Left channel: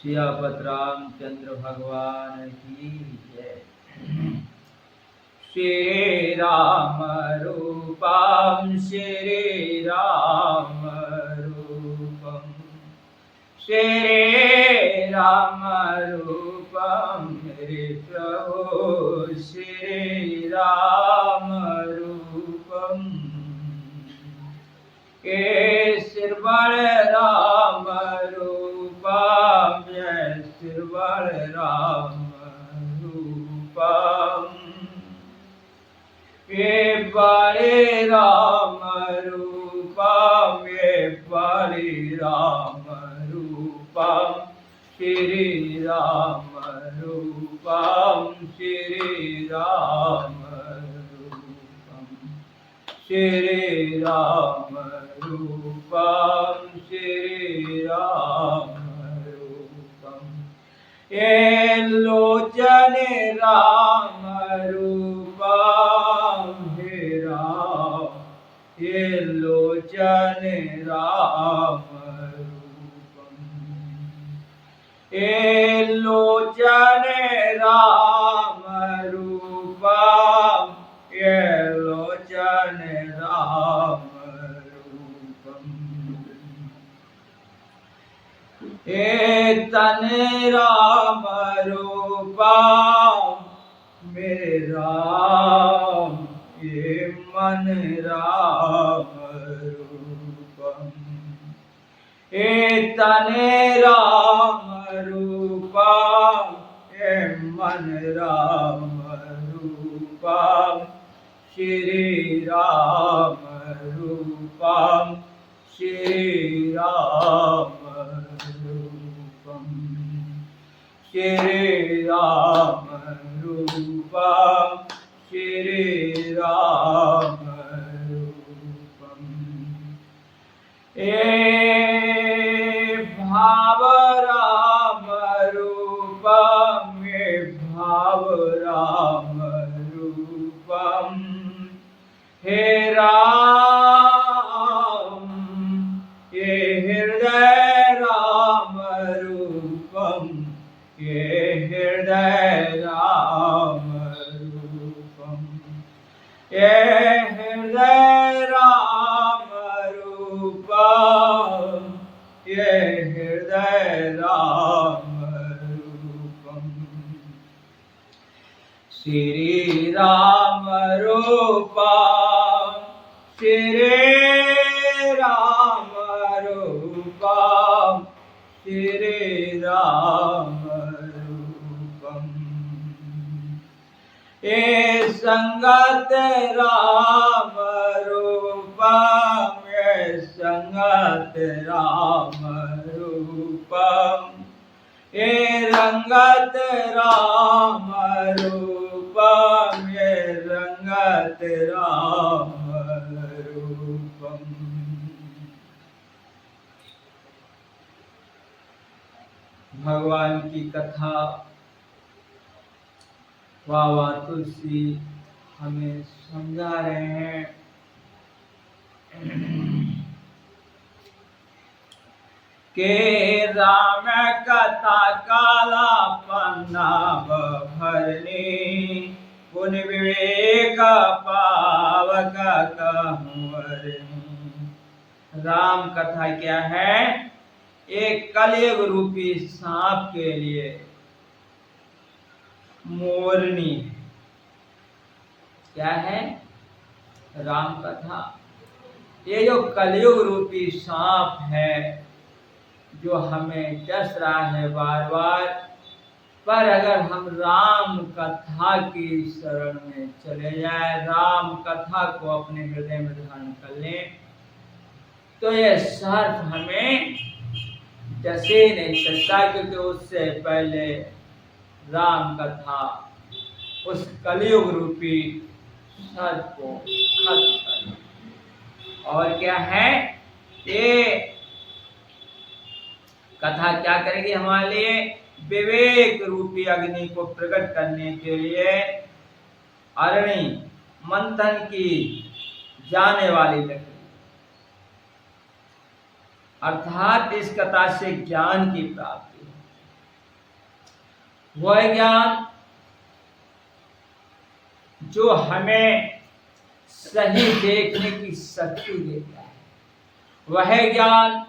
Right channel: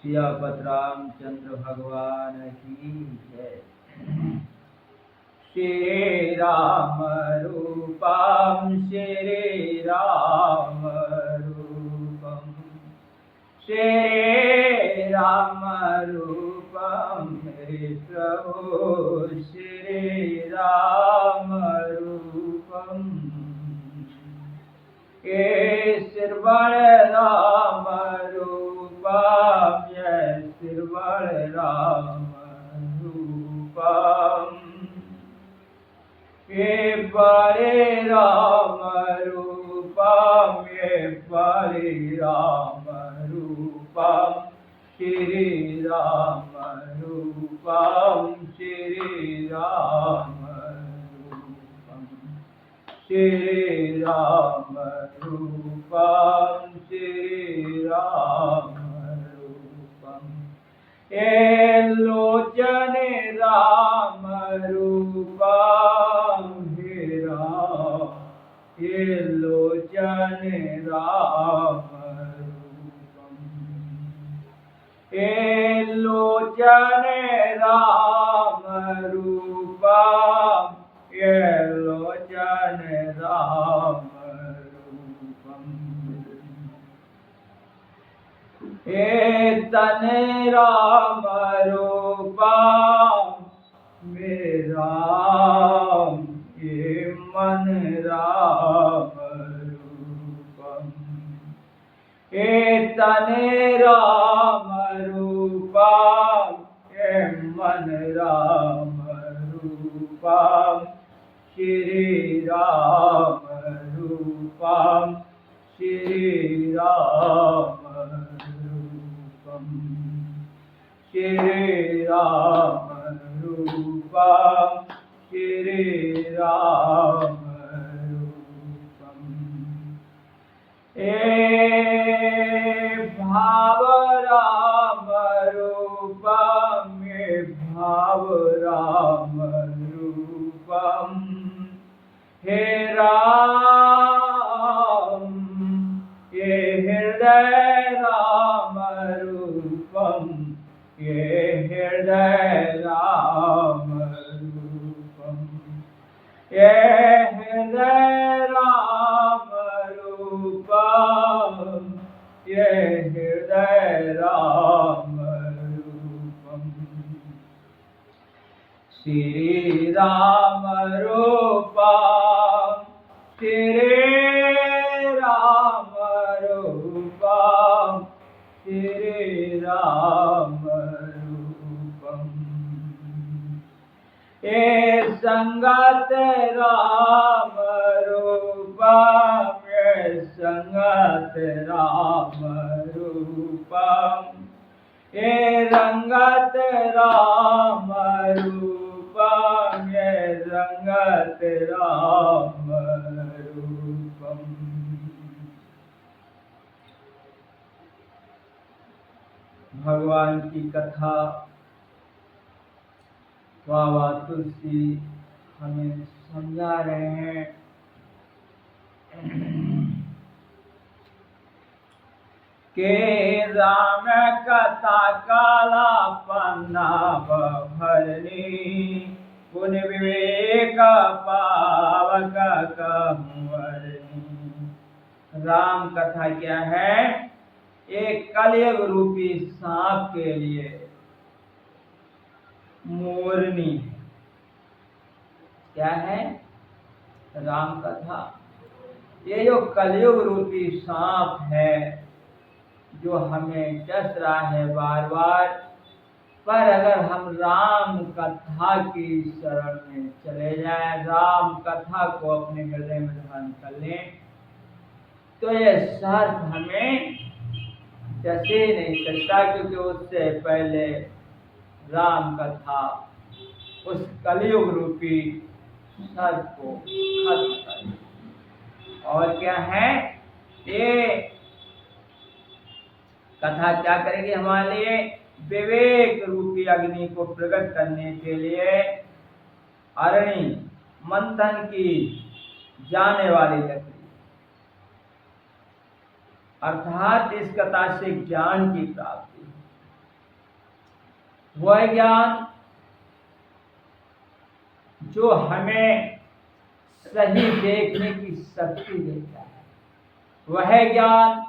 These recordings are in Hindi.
सियापत रामचंद्र भगवान की जय। श्री राम रूपम श्री राम रूपम श्री राम रूपम मेरे प्रभु श्री राम रूपम ये श्रवण राम रूपम ये श्रवण राम रूपम ये बड़े राम रूपम ये बड़े राम रूपम श्री राम रूपम श्री राम रूपम श्री राम रूपम श्री राम रूपम ये लोचन राम रूपम हे राम ये लोचन राम रूपम ये लोचन राम रूपम ये लोचन राम रूपम ये तन राम रूपम मेरे राम ये मन राम रूपम ये तन राम रूपम ये मन राम रूपम श्री राम रूपम श्री राम रूपम श्री राम रूपम श्री राम रूपम ए भाव राम रूपम ये भाव राम रूपम हे राम ये हृदय राम रूपम ये हृदय राम रूपम ये हृदय राम रूपम ये हृदय राम रूपम श्री राम रूपम श्री राम रूपम श्री राम रूपम ये संगत राम रूपम ये संगत राम रूपम ये रंगत राम रूपम ये रंगत राम रूपम भगवान की कथा बाबा तुलसी हमें समझा रहे हैं। के राम कथा काला पन्ना भरनी पुन विवेक पावक कहूँ। राम कथा क्या है? एक कलयुग रूपी सांप के लिए मोरनी है। क्या है? राम कथा। ये जो कलयुग रूपी सांप है जो हमें डस रहा है बार बार, पर अगर हम राम कथा की शरण में चले जाएं, राम कथा को अपने हृदय में धारण कर लें, तो ये सर्प हमें डसे नहीं सकता, क्योंकि उससे पहले राम कथा उस कलयुग रूपी सर्प को खत्म कर। और क्या है ये कथा? क्या करेगी हमारे लिए? विवेक रूपी अग्नि को प्रकट करने के लिए अरणि मंथन की जाने वाली लकड़ी, अर्थात इस कथा से ज्ञान की प्राप्ति। वह ज्ञान जो हमें सही देखने की शक्ति देता है, वह ज्ञान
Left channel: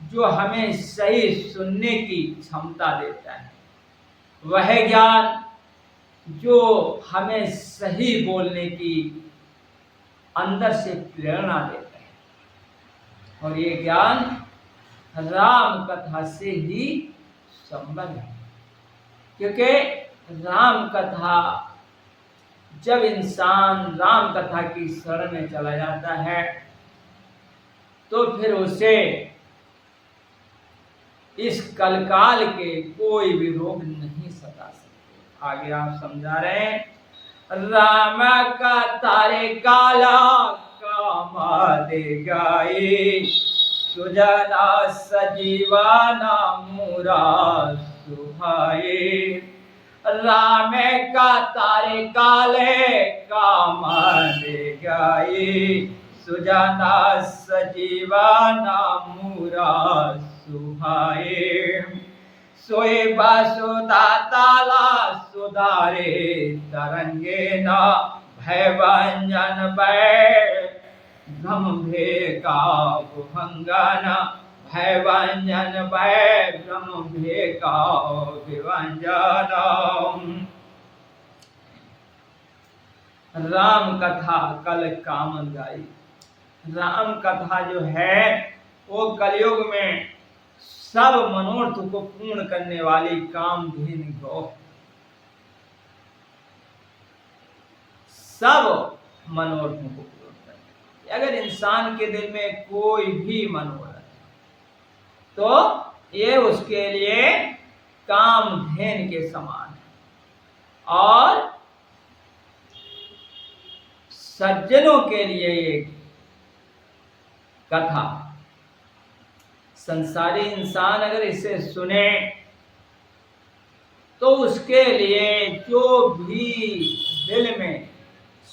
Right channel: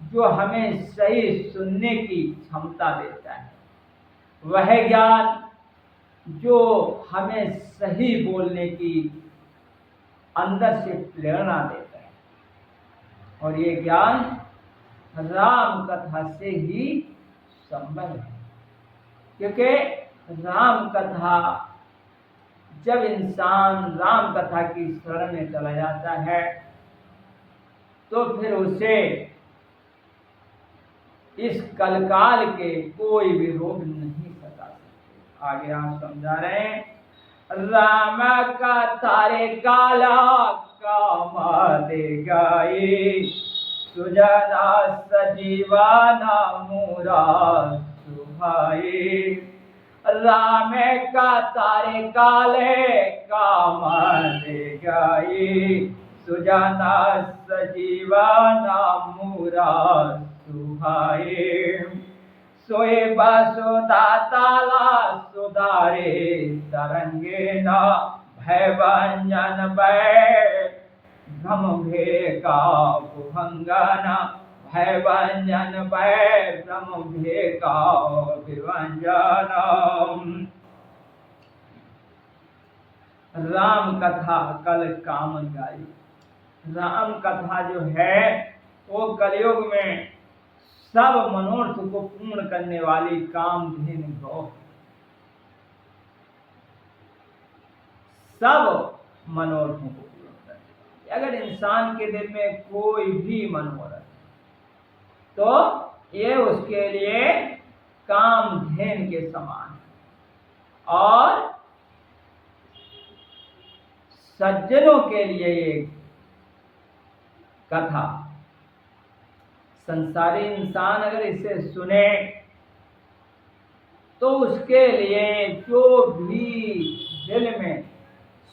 जो हमें सही सुनने की क्षमता देता है, वह ज्ञान जो हमें सही बोलने की अंदर से प्रेरणा देता है। और ये ज्ञान राम कथा से ही संबंध है, क्योंकि राम कथा, जब इंसान राम कथा की शरण में चला जाता है तो फिर उसे इस कलकाल के कोई भी रोग नहीं सता सकते। आगे आप समझा रहे हैं, राम का तारे काला काम दे गाई, सुजना सजीवाना मूरा सुहाई। राम का तारे काले काम दे गाई, सुजना सजीवाना मूरा सुहाए। सोए बसुदा ताला सुधारे तरंगे न, भय भंजन भय भ्रम भे का भुभंगन, भय भंजन भय भ्रम भे का विभंजन। राम कथा कल कामन गाई। राम कथा जो है वो कलयुग में सब मनोरथ को पूर्ण करने वाली कामधेनु गौ है। सब मनोरथों को पूर्ण करने वाली। अगर इंसान के दिल में कोई भी मनोरथ है तो ये उसके लिए कामधेनु के समान है। और सज्जनों के लिए ये कथा, संसारी इंसान अगर इसे सुने तो उसके लिए जो भी दिल में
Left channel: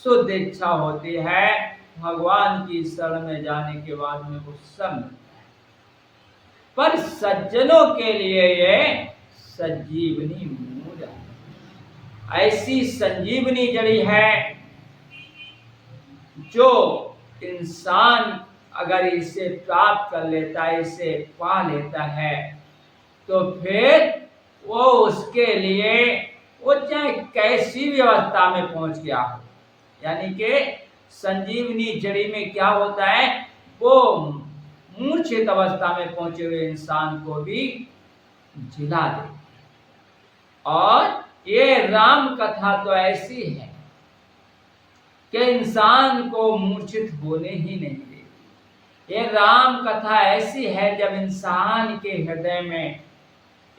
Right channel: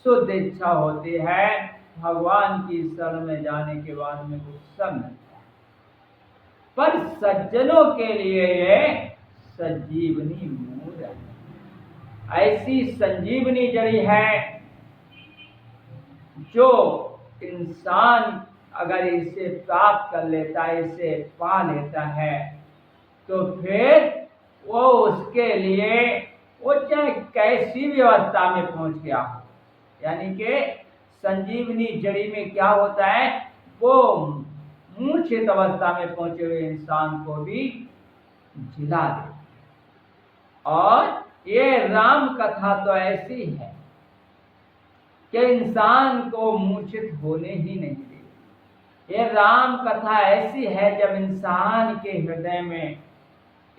शुद्ध इच्छा होती है, भगवान की शरण में जाने के बाद में वो सब मिलता है। पर सज्जनों के लिए ये संजीवनी मूल है, ऐसी संजीवनी जड़ी है जो इंसान अगर इसे प्राप्त कर लेता है, इसे पा लेता है, तो फिर वो उसके लिए वो चाहे कैसी भी अवस्था में पहुंच गया हो, यानी कि संजीवनी जड़ी में क्या होता है, वो मूर्छित अवस्था में पहुंचे हुए इंसान को भी जिला देती है। और ये राम कथा तो ऐसी है कि इंसान को मूर्छित होने ही नहीं देती। ये राम कथा ऐसी है जब इंसान के हृदय में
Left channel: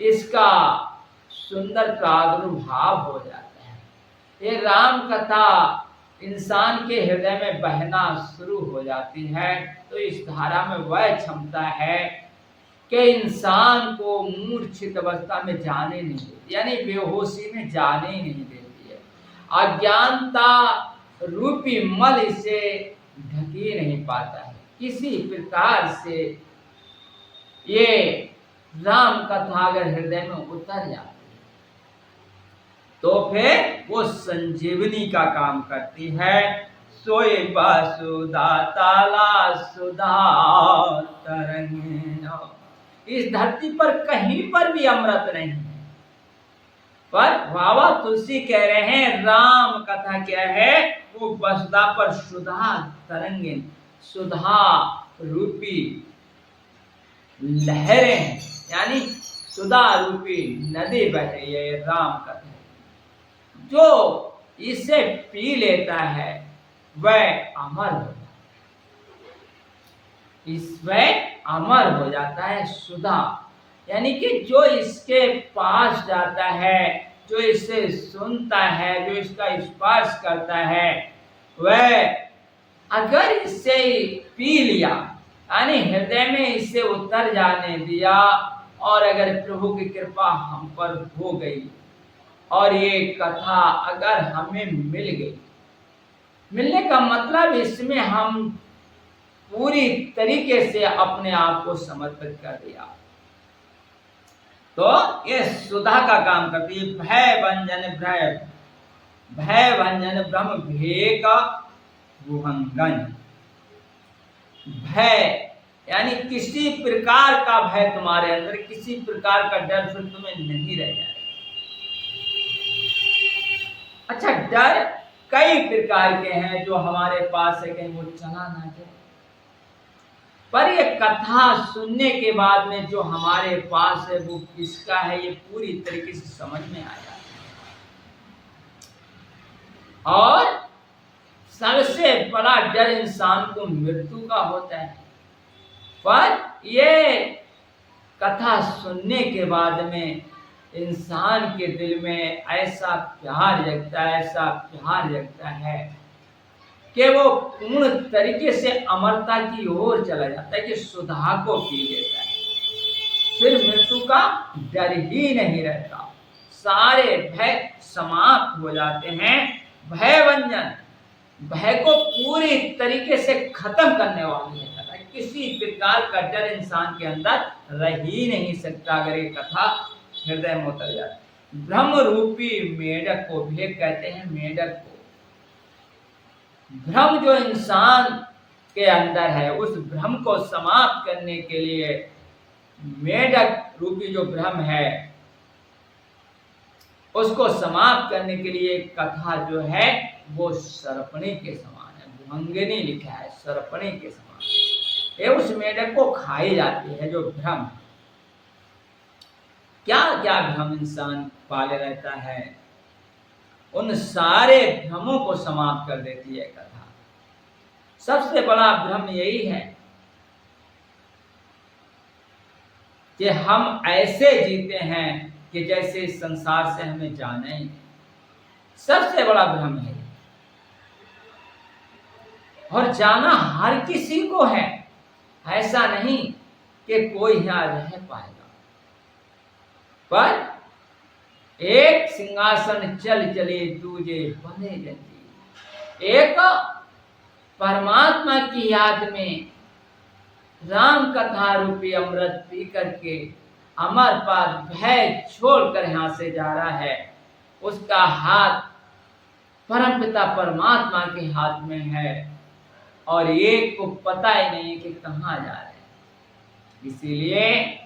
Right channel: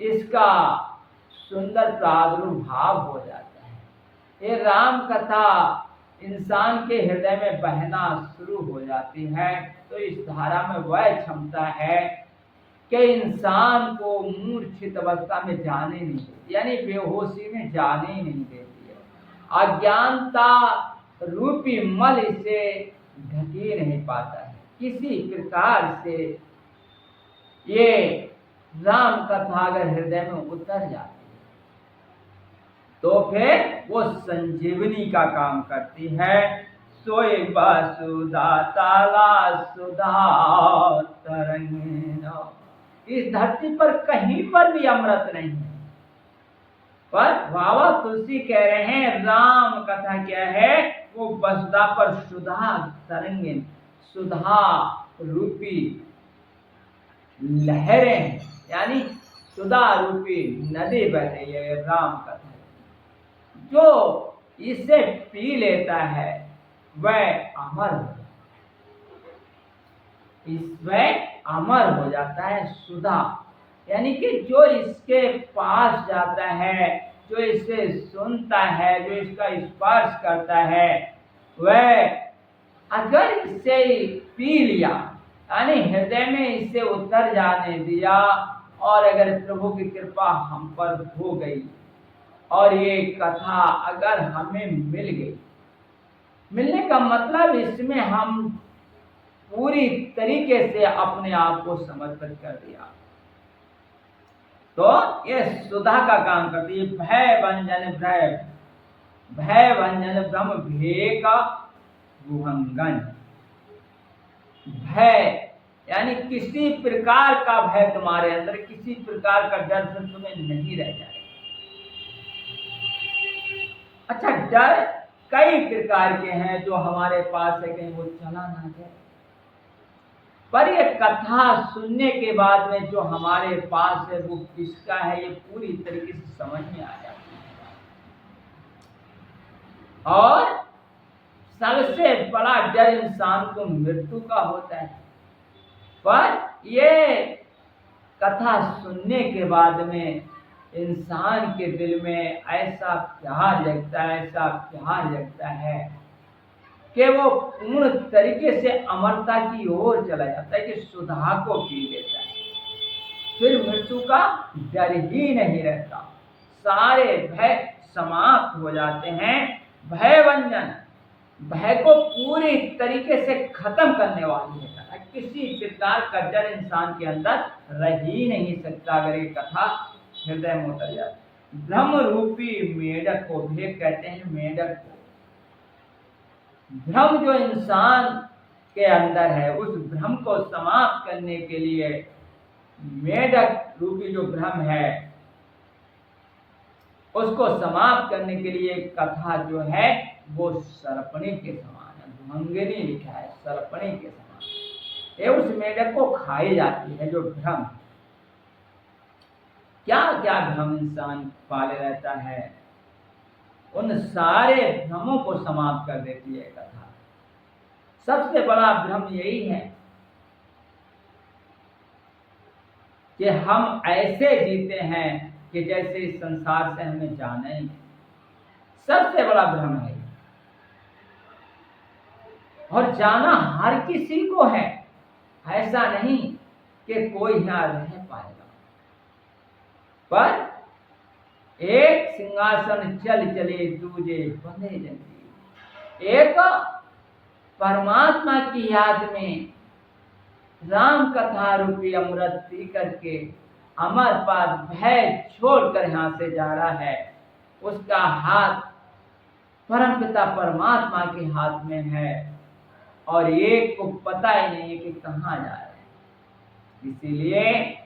इसका सुंदर प्रादुर्भाव हो जाता है, ये राम कथा इंसान के हृदय में बहना शुरू हो जाती है, तो इस धारा में वह क्षमता है कि इंसान को मूर्छित अवस्था में जाने नहीं देती, यानी बेहोशी में जाने ही नहीं देती है। अज्ञानता रूपी मल इसे ढके नहीं पाता है। किसी प्रकार से ये राम कथा अगर हृदय में उतर जाती है तो फिर वो संजीवनी का काम करती है। सोए बासुदा ताला सुधा तरंगिन। इस धरती पर कहीं पर भी अमृत नहीं है, पर बाबा तुलसी कह रहे हैं राम कथा क्या है, वो वसुधा पर सुधा तरंगिन, सुधा रूपी लहरें, यानी सुधा रूपी नदी बह रही है। राम कथा जो इसे पी लेता है वह अमर हो जाता है, इसमें अमर हो जाता है। सुधा यानी कि जो इसके पास जाता है, जो इसे सुनता है, जो इसका स्पर्श करता है, वह अगर इसे पी लिया, यानी हृदय में इसे उतर जाने दिया, और अगर प्रभु की कृपा हम पर हो गई और ये कथा अगर हमें मिल गई, मिलने का मतलब इसमें हम पूरी तरीके से अपने आप को समर्पित कर दिया, तो ये सुधा का काम करती है। भय भंजन ब्रह्म भेक गुहंगन। भय यानी किसी प्रकार का भय तुम्हारे अंदर, किसी प्रकार का डर फिर तुम्हें नहीं रह जाएगा। अच्छा, डर कई प्रकार के हैं जो हमारे पास है, कहीं वो चला ना जाए। पर ये कथा सुनने के बाद में जो हमारे पास है वो किसका है, ये पूरी तरीके से समझ में आ जाता है। और सबसे बड़ा डर इंसान को मृत्यु का होता है। पर ये कथा सुनने के बाद में इंसान के दिल में ऐसा प्यार जगता है कि वो पूर्ण तरीके से अमरता की ओर चला जाता है, कि सुधा को पी लेता है। फिर मृत्यु का डर ही नहीं रहता, सारे भय समाप्त हो जाते हैं। भय भंजन, भय को पूरी तरीके से खत्म करने वाली है कथा। किसी प्रकार का डर इंसान के अंदर रह ही नहीं सकता अगर ये कथा हृदय में उतर जाती। ब्रह्म रूपी मेढक को, भेक कहते हैं मेढक को। भ्रम जो इंसान के अंदर है, उस भ्रम को समाप्त करने के लिए मेढक रूपी जो भ्रम है उसको समाप्त करने के लिए कथा जो है वो सर्पणी के समान है। भुभंगिनी लिखा है, सर्पणी के समान। ये उस मेढक को खाई जाती है जो भ्रम। क्या क्या भ्रम इंसान पाले रहता है, उन सारे भ्रमों को समाप्त कर देती है कथा। सबसे बड़ा भ्रम यही है कि हम ऐसे जीते हैं कि जैसे इस संसार से हमें जाना ही। सबसे बड़ा भ्रम है। और जाना हर किसी को है, ऐसा नहीं कि कोई यहां रह पाएगा। पर एक सिंहासन चल चले दूजे बने जंजीर। एक परमात्मा की याद में राम कथा रूपी अमृत पी करके अमर पद भय छोड़कर यहां से जा रहा है, उसका हाथ परमपिता परमात्मा के हाथ में है और एक को पता ही नहीं कि कहां जा रहे हैं। इसीलिए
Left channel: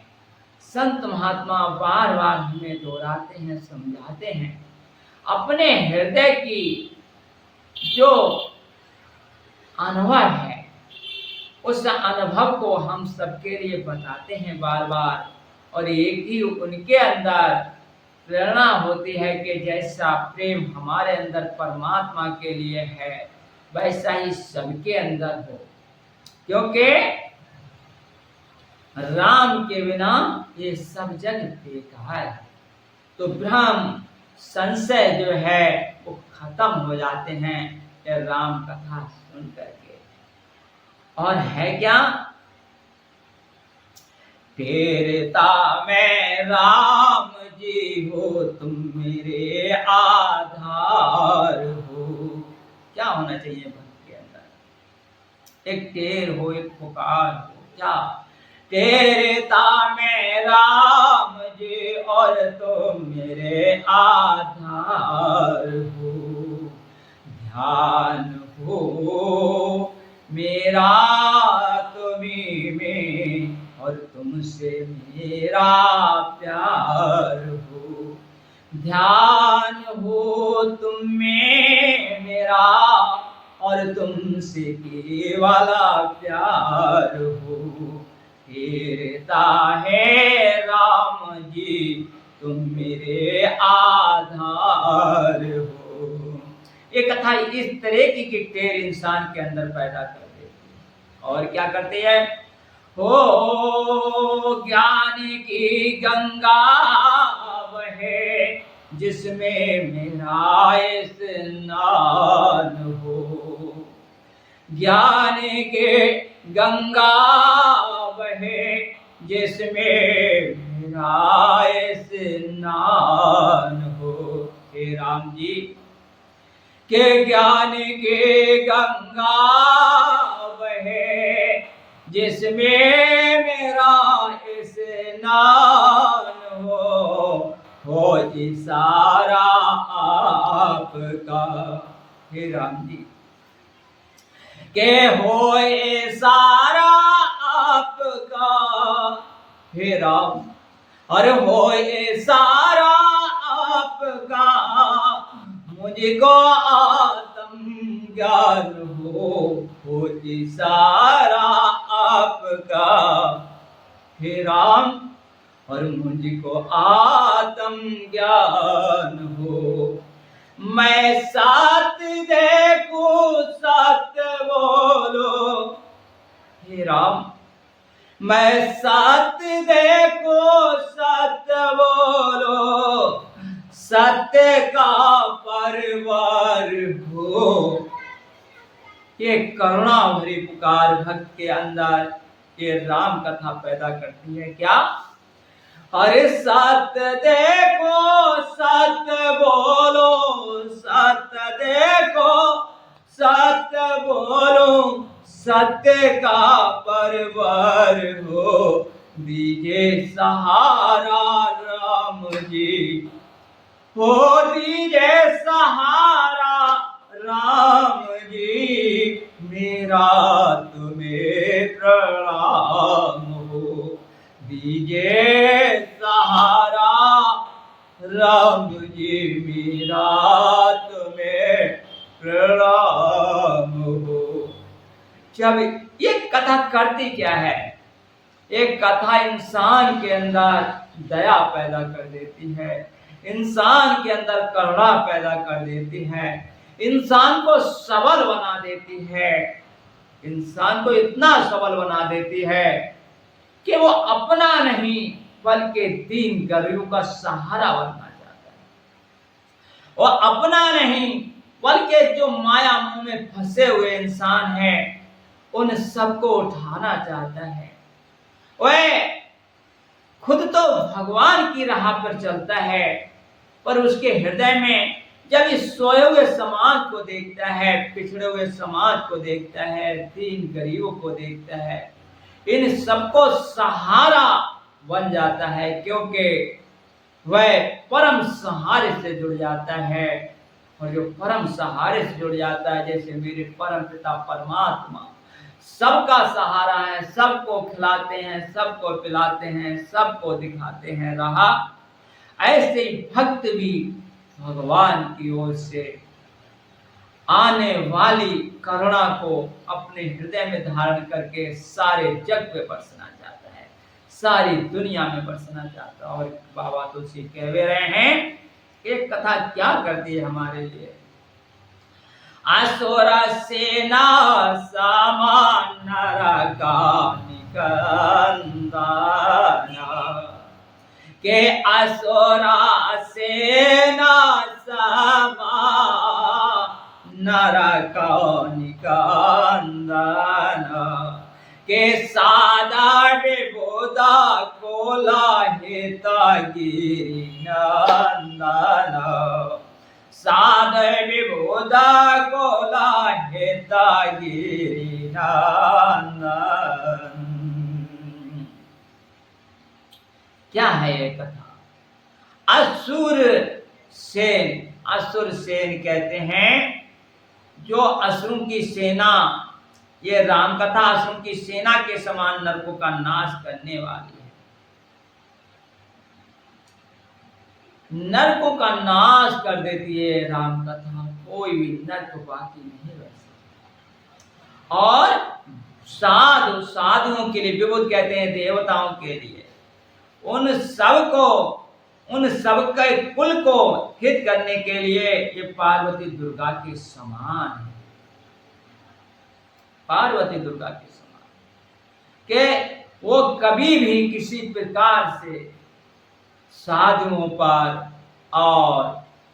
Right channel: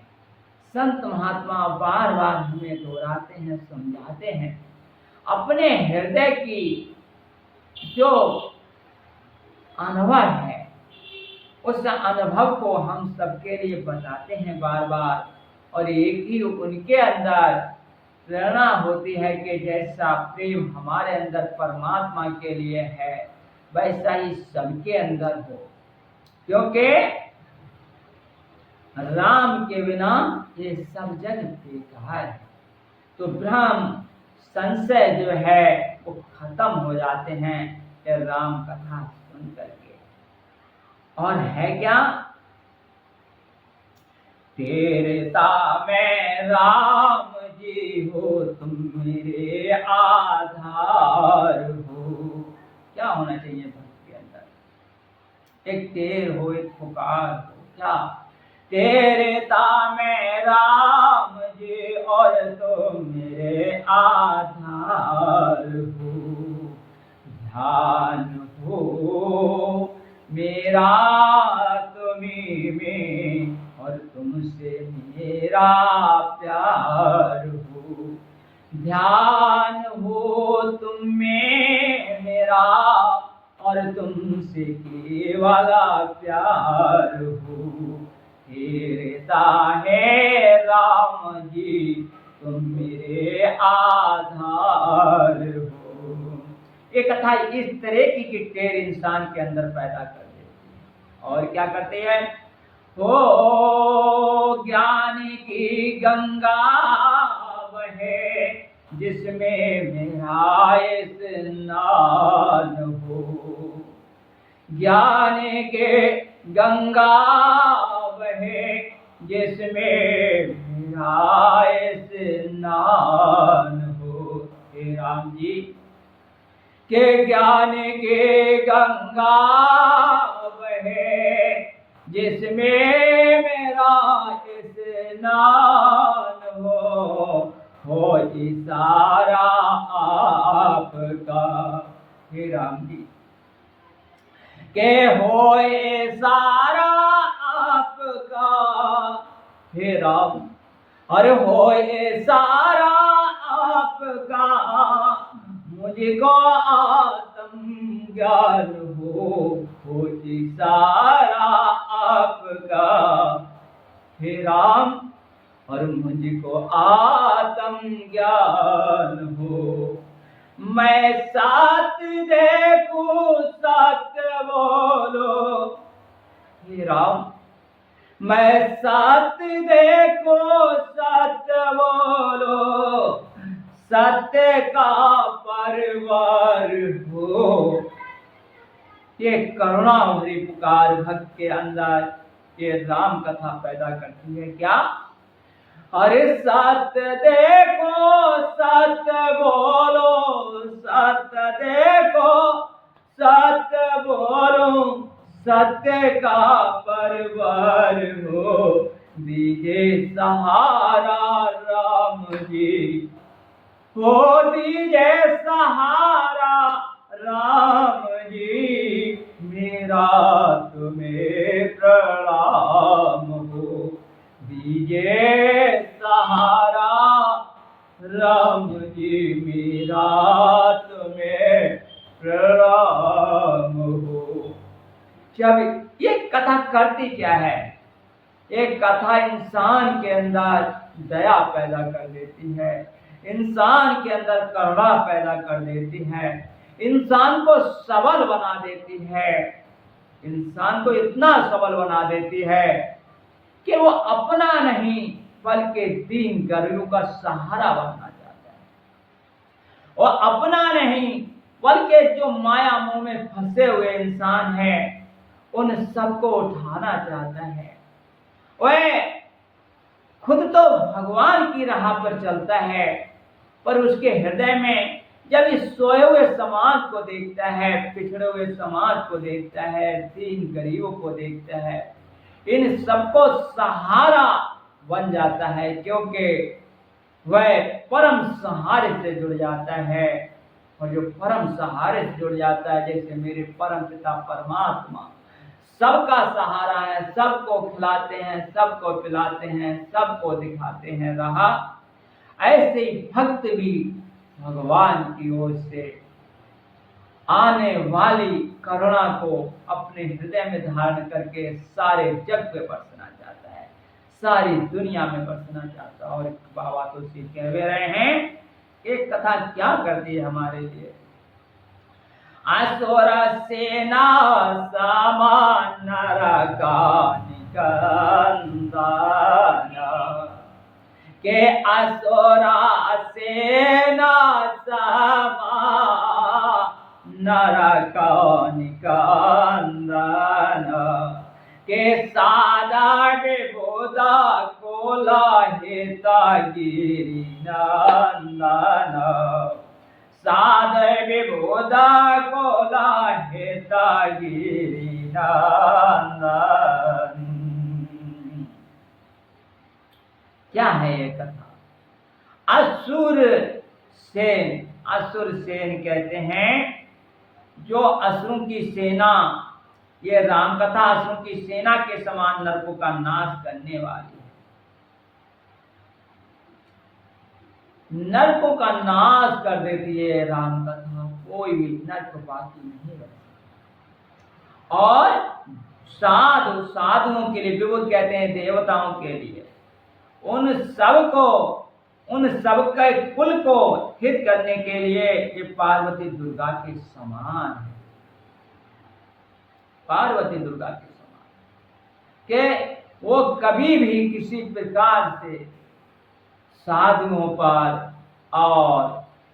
संत महात्मा बार बार हमें दोहराते हैं, समझाते हैं। अपने हृदय की जो अनुभव है उस अनुभव को हम सबके लिए बताते हैं बार बार। और एक ही उनके अंदर प्रेरणा होती है कि जैसा प्रेम हमारे अंदर परमात्मा के लिए है वैसा ही सबके अंदर हो। क्योंकि राम के बिना ये सब जग बेकार है। तो भ्रम संशय जो है वो खत्म हो जाते हैं ये राम कथा सुन करके। और है क्या, तेरता मैं राम जी हो तुम मेरे आधार हो। क्या होना चाहिए भक्त के अंदर? एक टेर हो, एक पुकार हो। क्या? तेरता मैं राम जी और तुम मेरे आधार हो। ध्यान हो मेरा तुम्हीं में और तुमसे मेरा प्यार हो। ध्यान हो तुम में मेरा और तुमसे केवला प्यार हो। हेरता है राम जी तुम मेरे आधार हो। ये कथा इस तरह की टेर इंसान के अंदर पैदा कर देती है। और क्या करते हैं? हो ज्ञान की गंगा बहे जिसमें मेरा स्नान हो। ज्ञान के गंगा बहे जिसमें मेरा स्नान हो। हे राम जी के ज्ञान के गंगा बहे जिसमें मेरा स्नान हो। के होए सारा आपका हे राम, अरे होए सारा आपका, मुझको आत्म ज्ञान हो सारा आपका हे राम, और मुझको आत्म ज्ञान हो। मैं साथ देखूं सत बोलो हे राम, मैं साथ देखो सत बोलो, सत्य का परवार हो। ये करुणा भरी पुकार भक्त के अंदर ये राम कथा पैदा करती है। क्या? अरे सत देखो सत बोलो, सत देखो सत बोलो, सत्य का परवार हो। दीजिए सहारा राम जी, हो दीजिए सहारा राम जी, मेरा तुम्हें प्रणाम हो। दीजिए सहारा राम जी, मेरा तुम्हें प्रणाम हो। जब ये कथा करती क्या है? एक कथा इंसान के अंदर दया पैदा कर देती है, इंसान के अंदर करुणा पैदा कर देती है, इंसान को सबल बना देती है, इंसान को इतना सबल बना देती है कि वो अपना नहीं बल्कि दीन गरीबों का सहारा बनना चाहता है। वो अपना नहीं बल्कि जो माया मोह में फंसे हुए इंसान हैं उन सबको उठाना चाहता है। वह खुद तो भगवान की राह पर चलता है, पर उसके हृदय में जब इस सोए हुए समाज को देखता है, पिछड़े हुए समाज को देखता है, दीन गरीबों को देखता है, इन सबको सहारा बन जाता है, क्योंकि वह परम सहारे से जुड़ जाता है। और जो परम सहारे से जुड़ जाता है, जैसे मेरे परम पिता परमात्मा सबका सहारा है, सबको खिलाते हैं, सबको पिलाते हैं, सबको दिखाते हैं राह, ऐसे ही भक्त भी भगवान की ओर से आने वाली करुणा को अपने हृदय में धारण करके सारे जग पे बरसना चाहता है, सारी दुनिया में बरसना चाहता है। और बाबा तुलसी कह रहे हैं, एक कथा क्या करती है हमारे लिए? असुर सेना समान नरका निकंदन, के असुरा सेना समान नरका निकंदन, के सादा विबोधा कोला हिता गिरि नंदन, साध विबोधा कोला हिता गिरि नंदन। क्या है ये कथा? असुर सेन, असुर सेन कहते हैं जो असुरों की सेना, ये राम कथा असुरों की सेना के समान नरकों का नाश करने वाली है। नरकों का नाश कर देती है राम कथा, कोई भी नरक बाकी नहीं रह सकता। और साधुओं के लिए, विबुध कहते हैं देवताओं के लिए, उन सबके कुल को हित करने के लिए ये पार्वती दुर्गा के समान है, पार्वती दुर्गा के समान, कि वो कभी भी किसी प्रकार से साधुओं पर और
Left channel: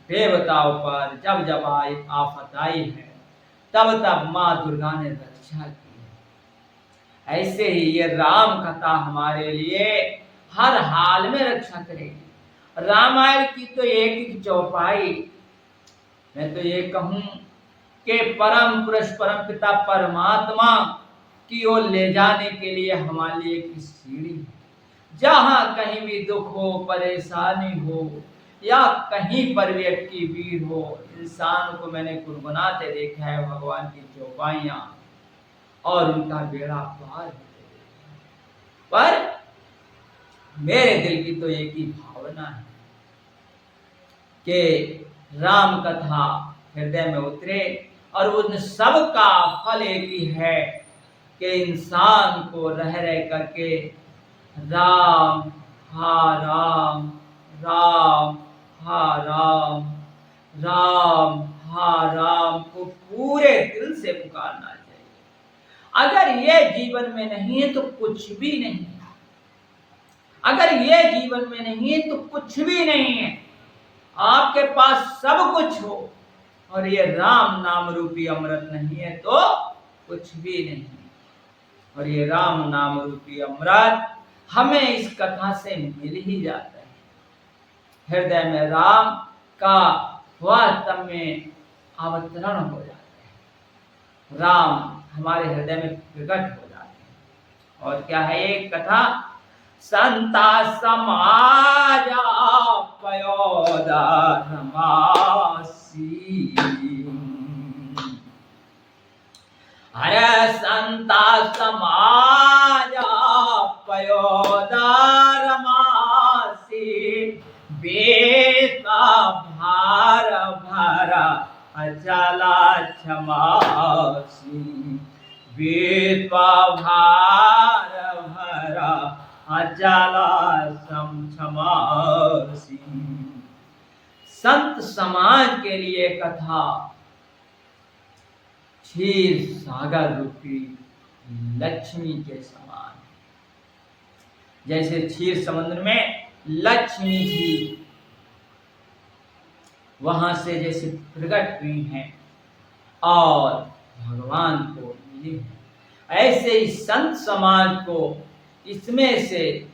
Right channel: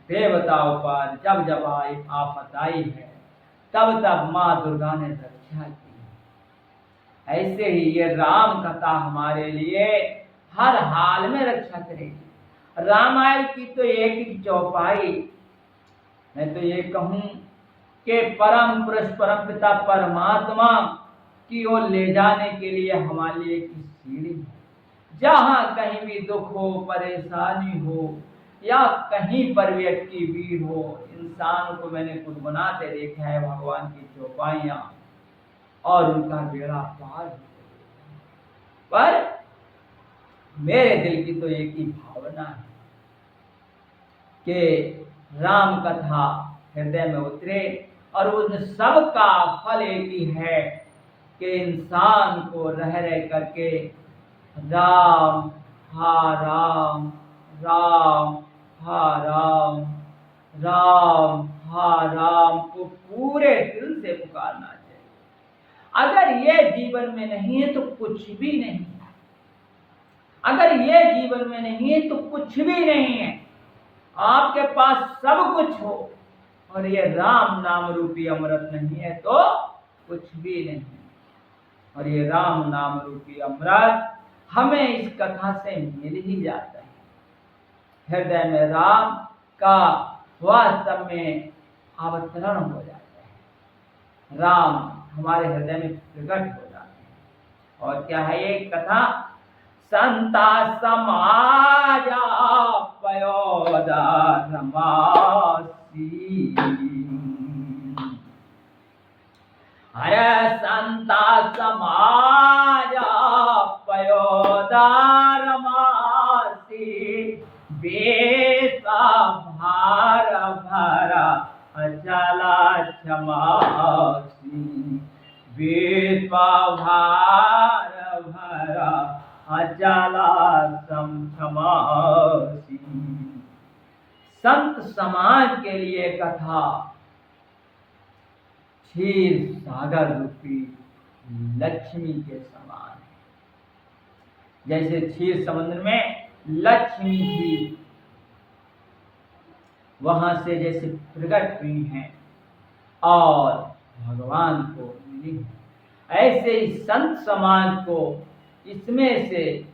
देवताओं पर जब आफत आई है, तब माँ दुर्गा ने रक्षा की है। ऐसे ही ये राम कथा हमारे लिए हर हाल में रक्षा करेगी। रामायण की तो एक चौपाई, मैं तो ये कहूं कि परम पुरुष परम पिता परमात्मा की ओर ले जाने के लिए हमारे लिए एक सीढ़ी है। जहां कहीं भी दुख हो, परेशानी हो, या कहीं पर भी अटकी भीड़ हो, इंसान को मैंने गुनगुनाते देखा है भगवान की चौपाइयाँ, और उनका बेड़ा पार हो जाए। पर मेरे दिल की तो एक ही भावना है कि राम कथा हृदय में उतरे, और उन सब का फल एक ही है कि इंसान को रह रह करके राम हा राम, राम हा राम, राम हा राम को पूरे दिल से पुकारना चाहिए। अगर ये जीवन में नहीं है तो कुछ भी नहीं, अगर ये जीवन में नहीं है तो कुछ भी नहीं है। आपके पास सब कुछ हो और ये राम नाम रूपी अमृत नहीं है तो कुछ भी नहीं। और ये राम नाम रूपी अमृत हमें इस कथा से मिल ही जाता है। हृदय में राम का वास्तव में अवतरण हो जाता है, राम हमारे हृदय में प्रकट हो जाते हैं। और क्या है ये कथा? संता समाजा पयोदा रमासी, अरे संता समाजा पयोदा रमासी, बेता भार भरा अचला क्षमासी, बेता भार भरा अचला क्षमासी। संत समाज के लिए कथा क्षीर सागर रूपी लक्ष्मी के समान है। जैसे क्षीर समुद्र में लक्ष्मी जी वहां से जैसे प्रकट हुई हैं और भगवान को मिली है, ऐसे ही संत समाज को इसमें से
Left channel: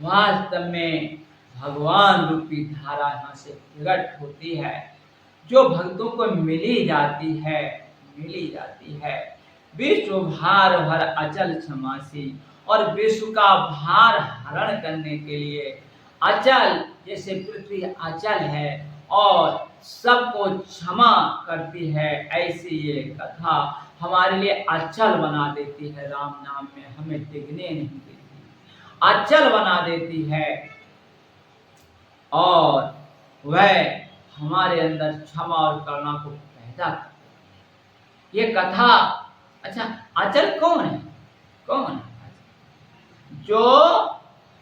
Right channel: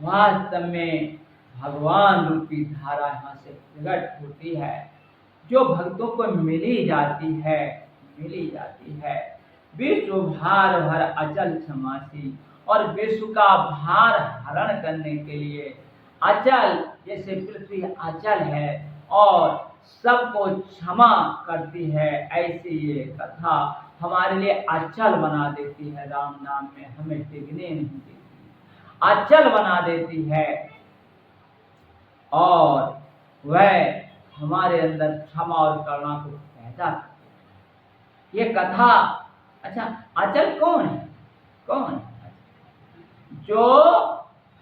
वास्तव में भगवान रूपी धारा यहाँ से प्रकट होती है, जो भक्तों को मिली जाती है, मिली जाती है। विश्व भार भर अचल क्षमासी, और विश्व का भार हरण करने के लिए अचल, जैसे पृथ्वी अचल है और सबको क्षमा करती है, ऐसी ये कथा हमारे लिए अचल बना देती है। राम नाम में हमें टिकने नहीं देती, अचल बना देती है, और वह हमारे अंदर क्षमा और करुणा को पैदा करती है। ये कथा, अच्छा अचल कौन है? कौन है? जो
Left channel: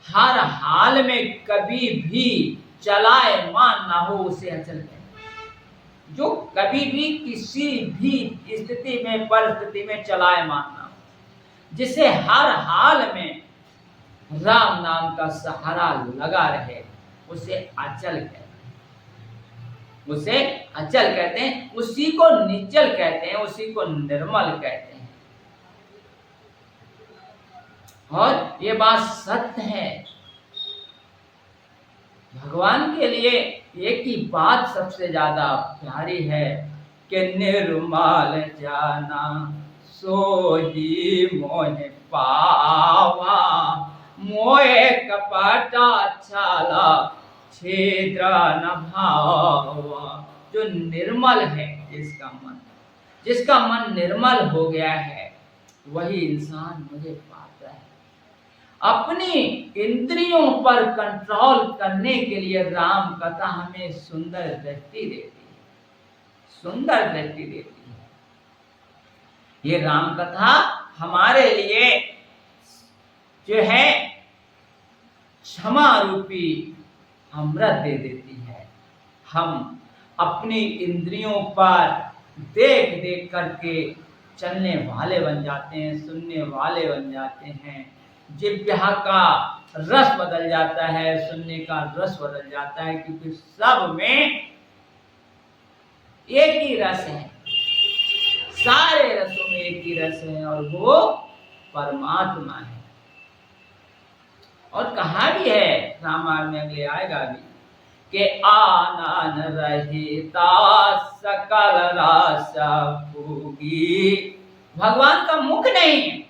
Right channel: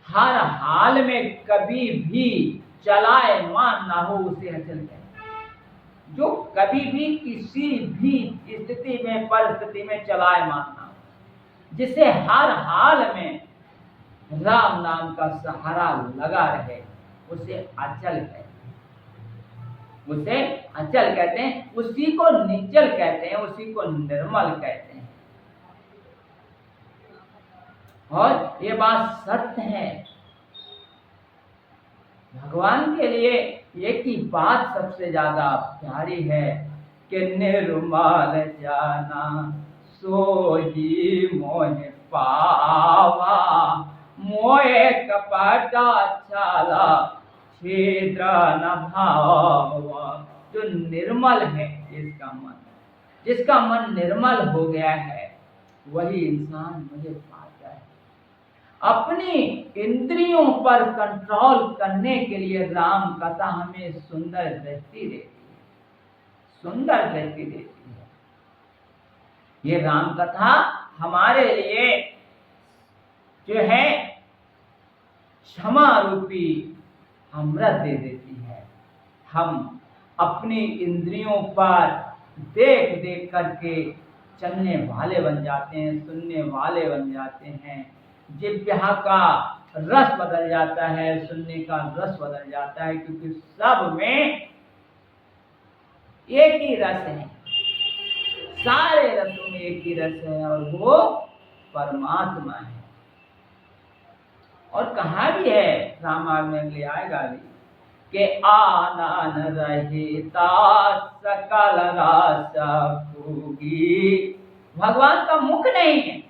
हर हाल में कभी भी चलायमान ना हो उसे अचल कहते हैं। जो कभी भी किसी भी स्थिति में, परिस्थिति में चलायमान ना हो, जिसे हर हाल में राम नाम का सहारा लगा रहे, उसे अचल कहते हैं। उसे अचल कहते हैं, उसी को निश्चल कहते हैं, उसी को निर्मल कहते हैं। और ये बात सत्य है। भगवान के लिए एक ही बात सबसे ज्यादा प्यारी है कि निर्मल जाना सोही मोहे पावा, मोहे कपटा छाला छिद्र न भावा। जो निर्मल है, जिसका मन निर्मल हो गया है, वही इंसान मुझे पाता है। अपनी इंद्रियों पर कंट्रोल करने के लिए राम कथा हमें सुंदर दृष्टि देती है, सुंदर दृष्टि देती है। ये राम कथा हमारे लिए जो है क्षमा रूपी अमृत दे देती है। हम अपनी इंद्रियों पर देख देख करके चलने वाले बन जाते हैं, सुनने वाले बन जाते हैं। जिह्वा का रस बदल जाता है, सुनने का रस बदल जाता है, क्योंकि सब में एक ही रस है, सारे रसों में एक ही रस है, और वो परमात्मा है। और कहा भी है रामायण में, अगले आएगा भी, कि आनन रहिता सकल रस भोगी। भगवान का मुख नहीं है,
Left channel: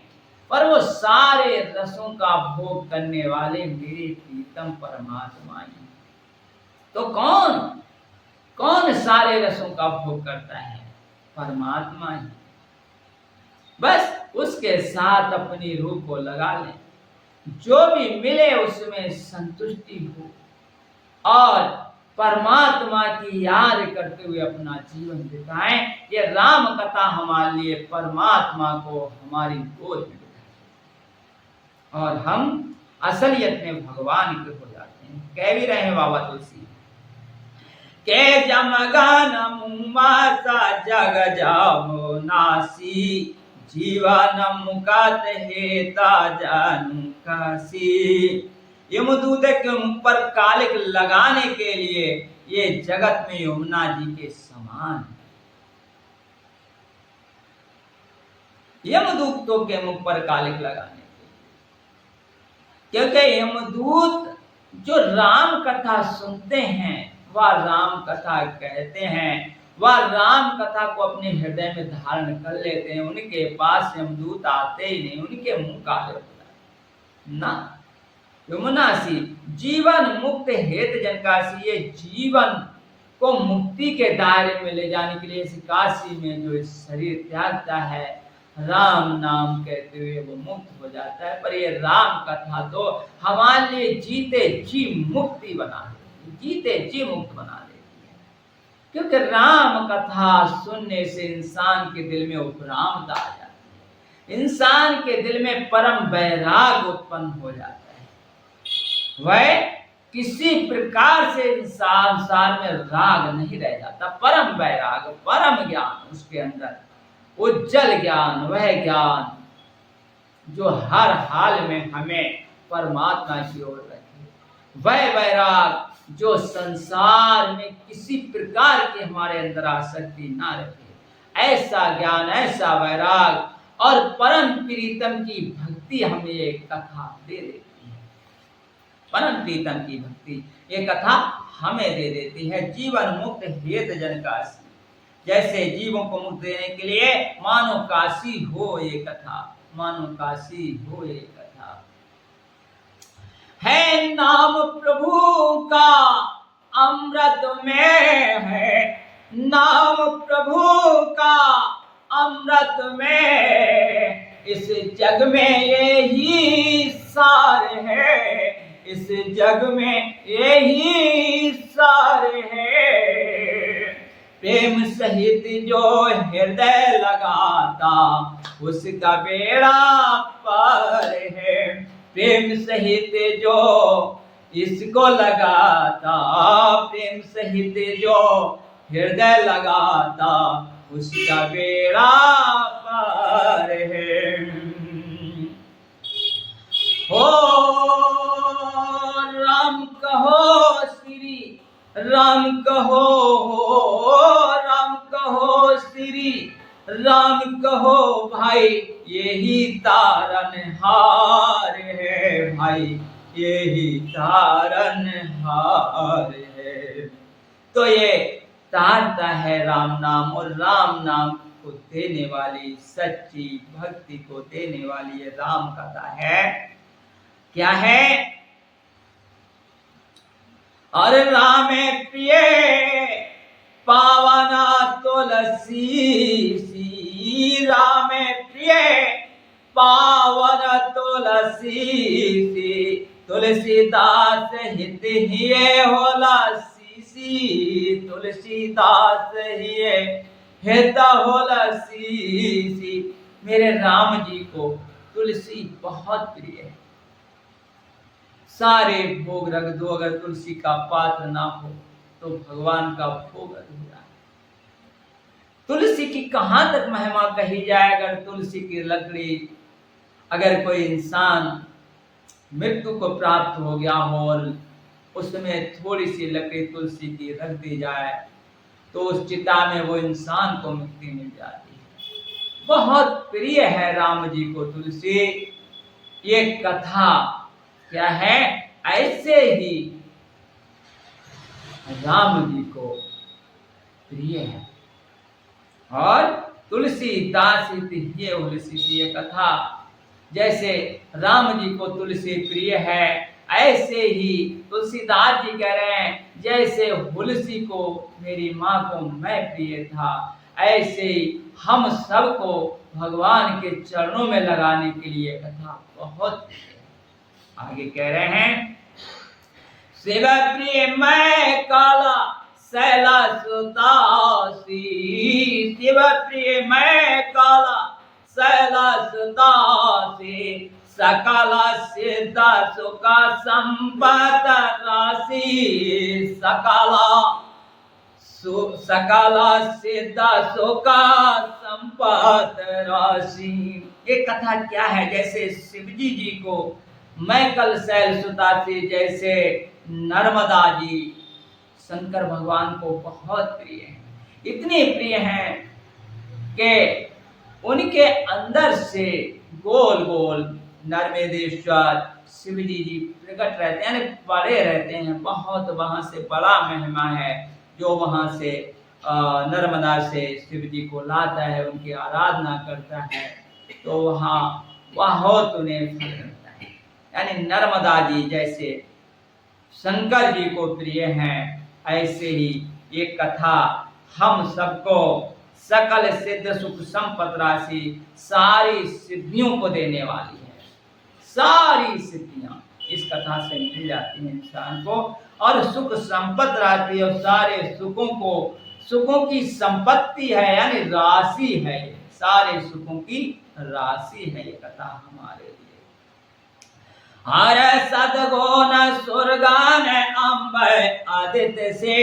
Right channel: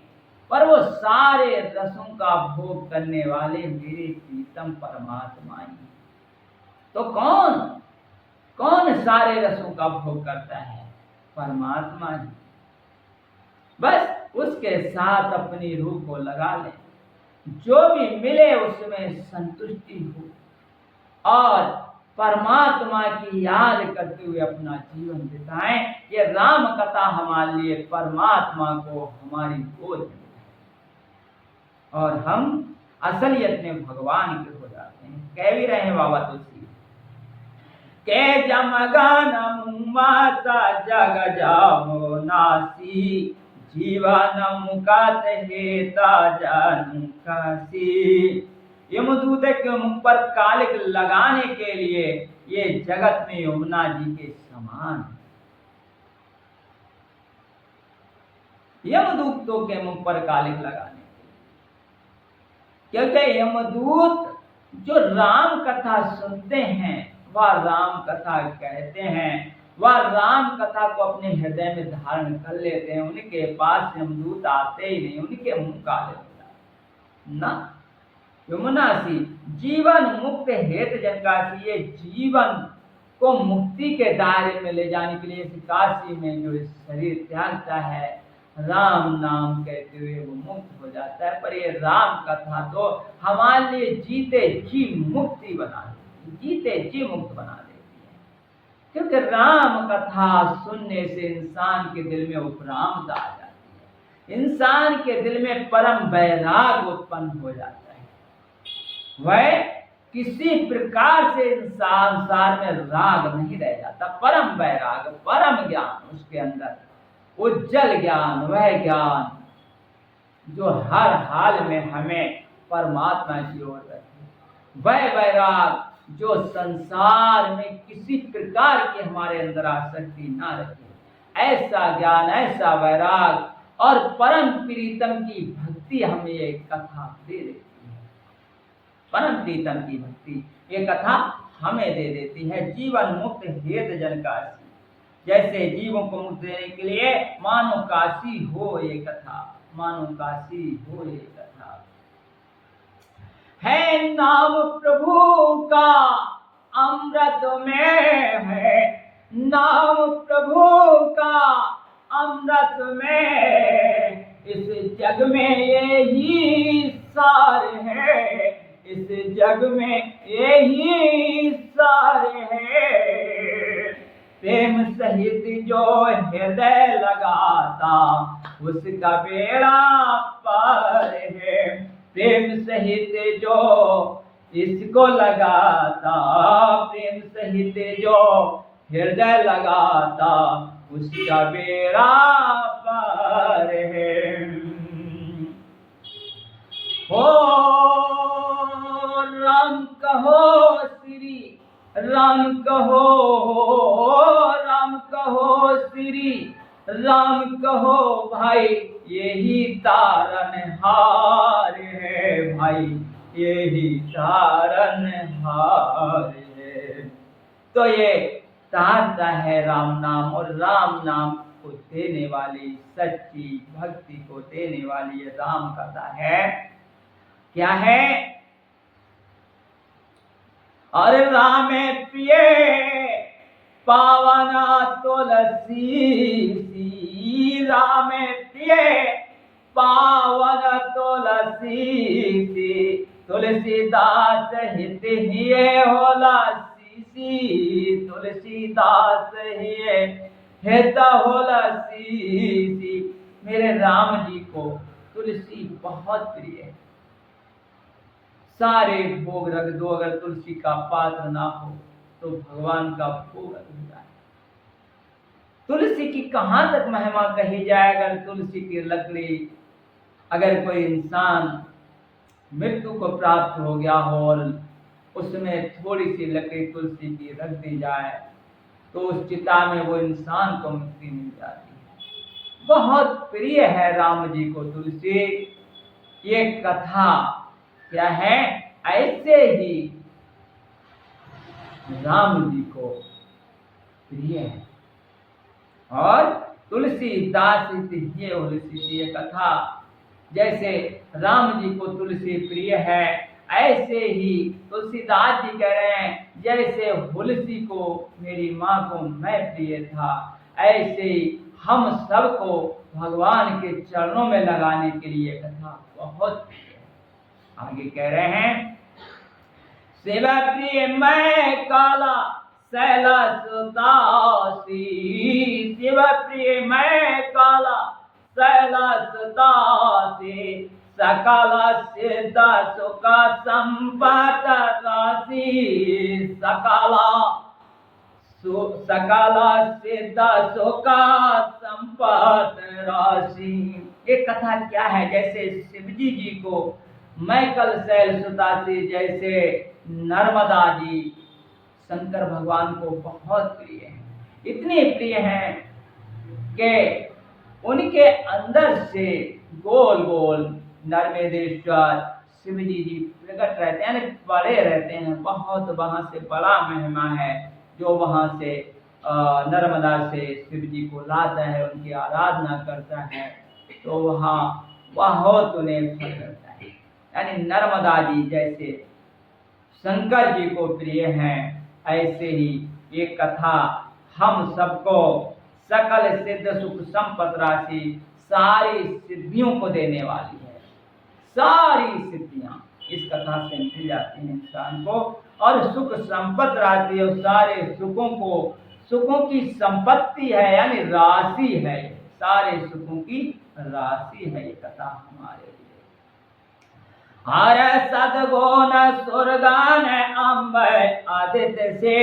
पर वो सारे रसों का भोग करने वाले मेरे प्रीतम परमात्मा ही। तो कौन सारे रसों का भोग करता है? परमात्मा ही। बस उसके साथ अपनी रूह को लगा लें, जो भी मिले उसमें संतुष्टि हो और परमात्मा की याद करते हुए अपना जीवन बिताएं। ये राम कथा हमारे लिए परमात्मा को हमारी गोद में बिठाए और हम असलियत में भगवान के हो जाते हैं। कह भी रहे हैं बाबा तुलसी के जमगन माता जग जाओ नासी, जीवन मुकत हेता जानू काशी। यमदूत के मुख पर कालिक लगाने के लिए ये जगत में यमुना जी के समान, यमदूतों के मुख पर कालिक लगाने के लिए, क्योंकि यमदूत जो राम कथा सुनते हैं वह राम कथा कहते हैं, वह राम कथा को अपने हृदय में धारण कर लेते हैं। उनके पास यमदूत आते ही नहीं, उनके मुंह काले हो जाते ना। यमुनासी जीवन मुक्त हेत जनकाशी, ये जीवन को मुक्ति के दायरे में ले जाने के लिए इस काशी में जो इस शरीर त्यागता है, राम नाम कहते हुए वो मुक्त हो जाता है। पर ये राम कथा तो हमारे लिए जीते जी मुक्ति बना देती है, जीते जी मुक्त बना देती है, क्योंकि राम कथा सुनने से इंसान के दिल में उपरामता आ जाती है, इंसान के दिल में परम वैराग उत्पन्न हो जाता है। वह किसी प्रकार से संसार में राग नहीं रह जाता, परम वैराग, परम ज्ञान उसके अंदर, उज्जवल ज्ञान, वह ज्ञान जो हर हाल में हमें परमात्मा की ओर रखे, वह वैराग जो संसार में किसी प्रकार की हमारे अंदर आसक्ति ना रखे, ऐसा ज्ञान, ऐसा वैराग और परम प्रीतम की भक्ति हमें ये कथा दे देती है। परम प्रीतम की भक्ति ये कथा हमें दे देती है। जीवन मुक्त हेत जनकाशी, जैसे जीवों को मुक्त देने के लिए मानो काशी हो ये कथा, मानो काशी हो ये कथा। है नाम प्रभु का अमृत में है, नाम प्रभु का अमृत में, इस जग में यही सार है, इस जग में यही सार है। प्रेम सहित जो हृदय लगाता उसका बेड़ा पार है, प्रेम सहित जो इसको लगाता, प्रेम सहित जो हृदय लगाता उसका बेड़ा पार है। हो राम कहो श्री राम कहो, राम कहो श्री राम कहो भाई, यही तारनहार है भाई, यही तारनहार है। तो ये तारता है राम नाम, और राम नाम को देने वाली, सच्ची भक्ति को देने वाली ये राम कथा है। क्या है? और राम प्रिय पावना तुलसी सी, राम प्रिय पावन तुलसी सी, तुलसीदास हित हिये होला सी, तुलसीदास हिये हित होला सी। मेरे राम जी को तुलसी बहुत प्रिय है। सारे भोग रख दो, अगर तुलसी का पात्र ना हो तो भगवान का भोग अधूरा है। तुलसी की कहां तक महिमा कही जाए। अगर तुलसी की लकड़ी, अगर कोई इंसान मृत्यु को प्राप्त हो गया हो और उसमें थोड़ी सी लकड़ी तुलसी की रख दी जाए तो उस चिता में वो इंसान को मुक्ति मिल जाती है। बहुत प्रिय है राम जी को तुलसी। ये कथा क्या है? ऐसे ही राम जी को प्रिय है। और तुलसीदास ये कथा, जैसे राम जी को तुलसी प्रिय है, ऐसे ही तुलसीदास जी कह रहे हैं जैसे तुलसी को मेरी माँ को मैं प्रिय था, ऐसे ही हम सबको भगवान के चरणों में लगाने के लिए कथा बहुत आगे कह रहे हैं। शिव प्रिय मैं काला सैला सुतासी, शिव प्रिय मैं काला सैला सुतासी, सकल सिद्ध सुख संपत राशि, सकल सिद्ध सुख संपत राशि। ये कथा क्या है? जैसे शिवजी जी को मैं कल शैल सुतासी, जैसे नर्मदा जी शंकर भगवान को बहुत प्रिय हैं। इतने प्रिय हैं कि उनके अंदर से गोल गोल नर्मदेश्वर शिवजी जी प्रकट रहते हैं, यानी बड़े रहते हैं बहुत। वहाँ से बड़ा महिमा है जो वहाँ से नर्मदा से शिवजी को लाता है, उनकी आराधना करता है तो वहाँ बहुत उन्हें फल करता है। यानी नर्मदा जी जैसे शंकर जी को प्रिय हैं, ऐसे ही ये कथा हम सबको सकल सिद्ध सुख संपत राशि, सारी सिद्धियों को देने वाली है। सारी सिद्धियां इस कथा से मिल जाती हैं इंसान को, और सुख संपत राशि और सारे सुखों को, सुखों की संपत्ति है यानी राशि है, सारे सुखों की राशि है ये कथा हमारे लिए। हर सदगुण सुरगान अम्ब आदित्य से,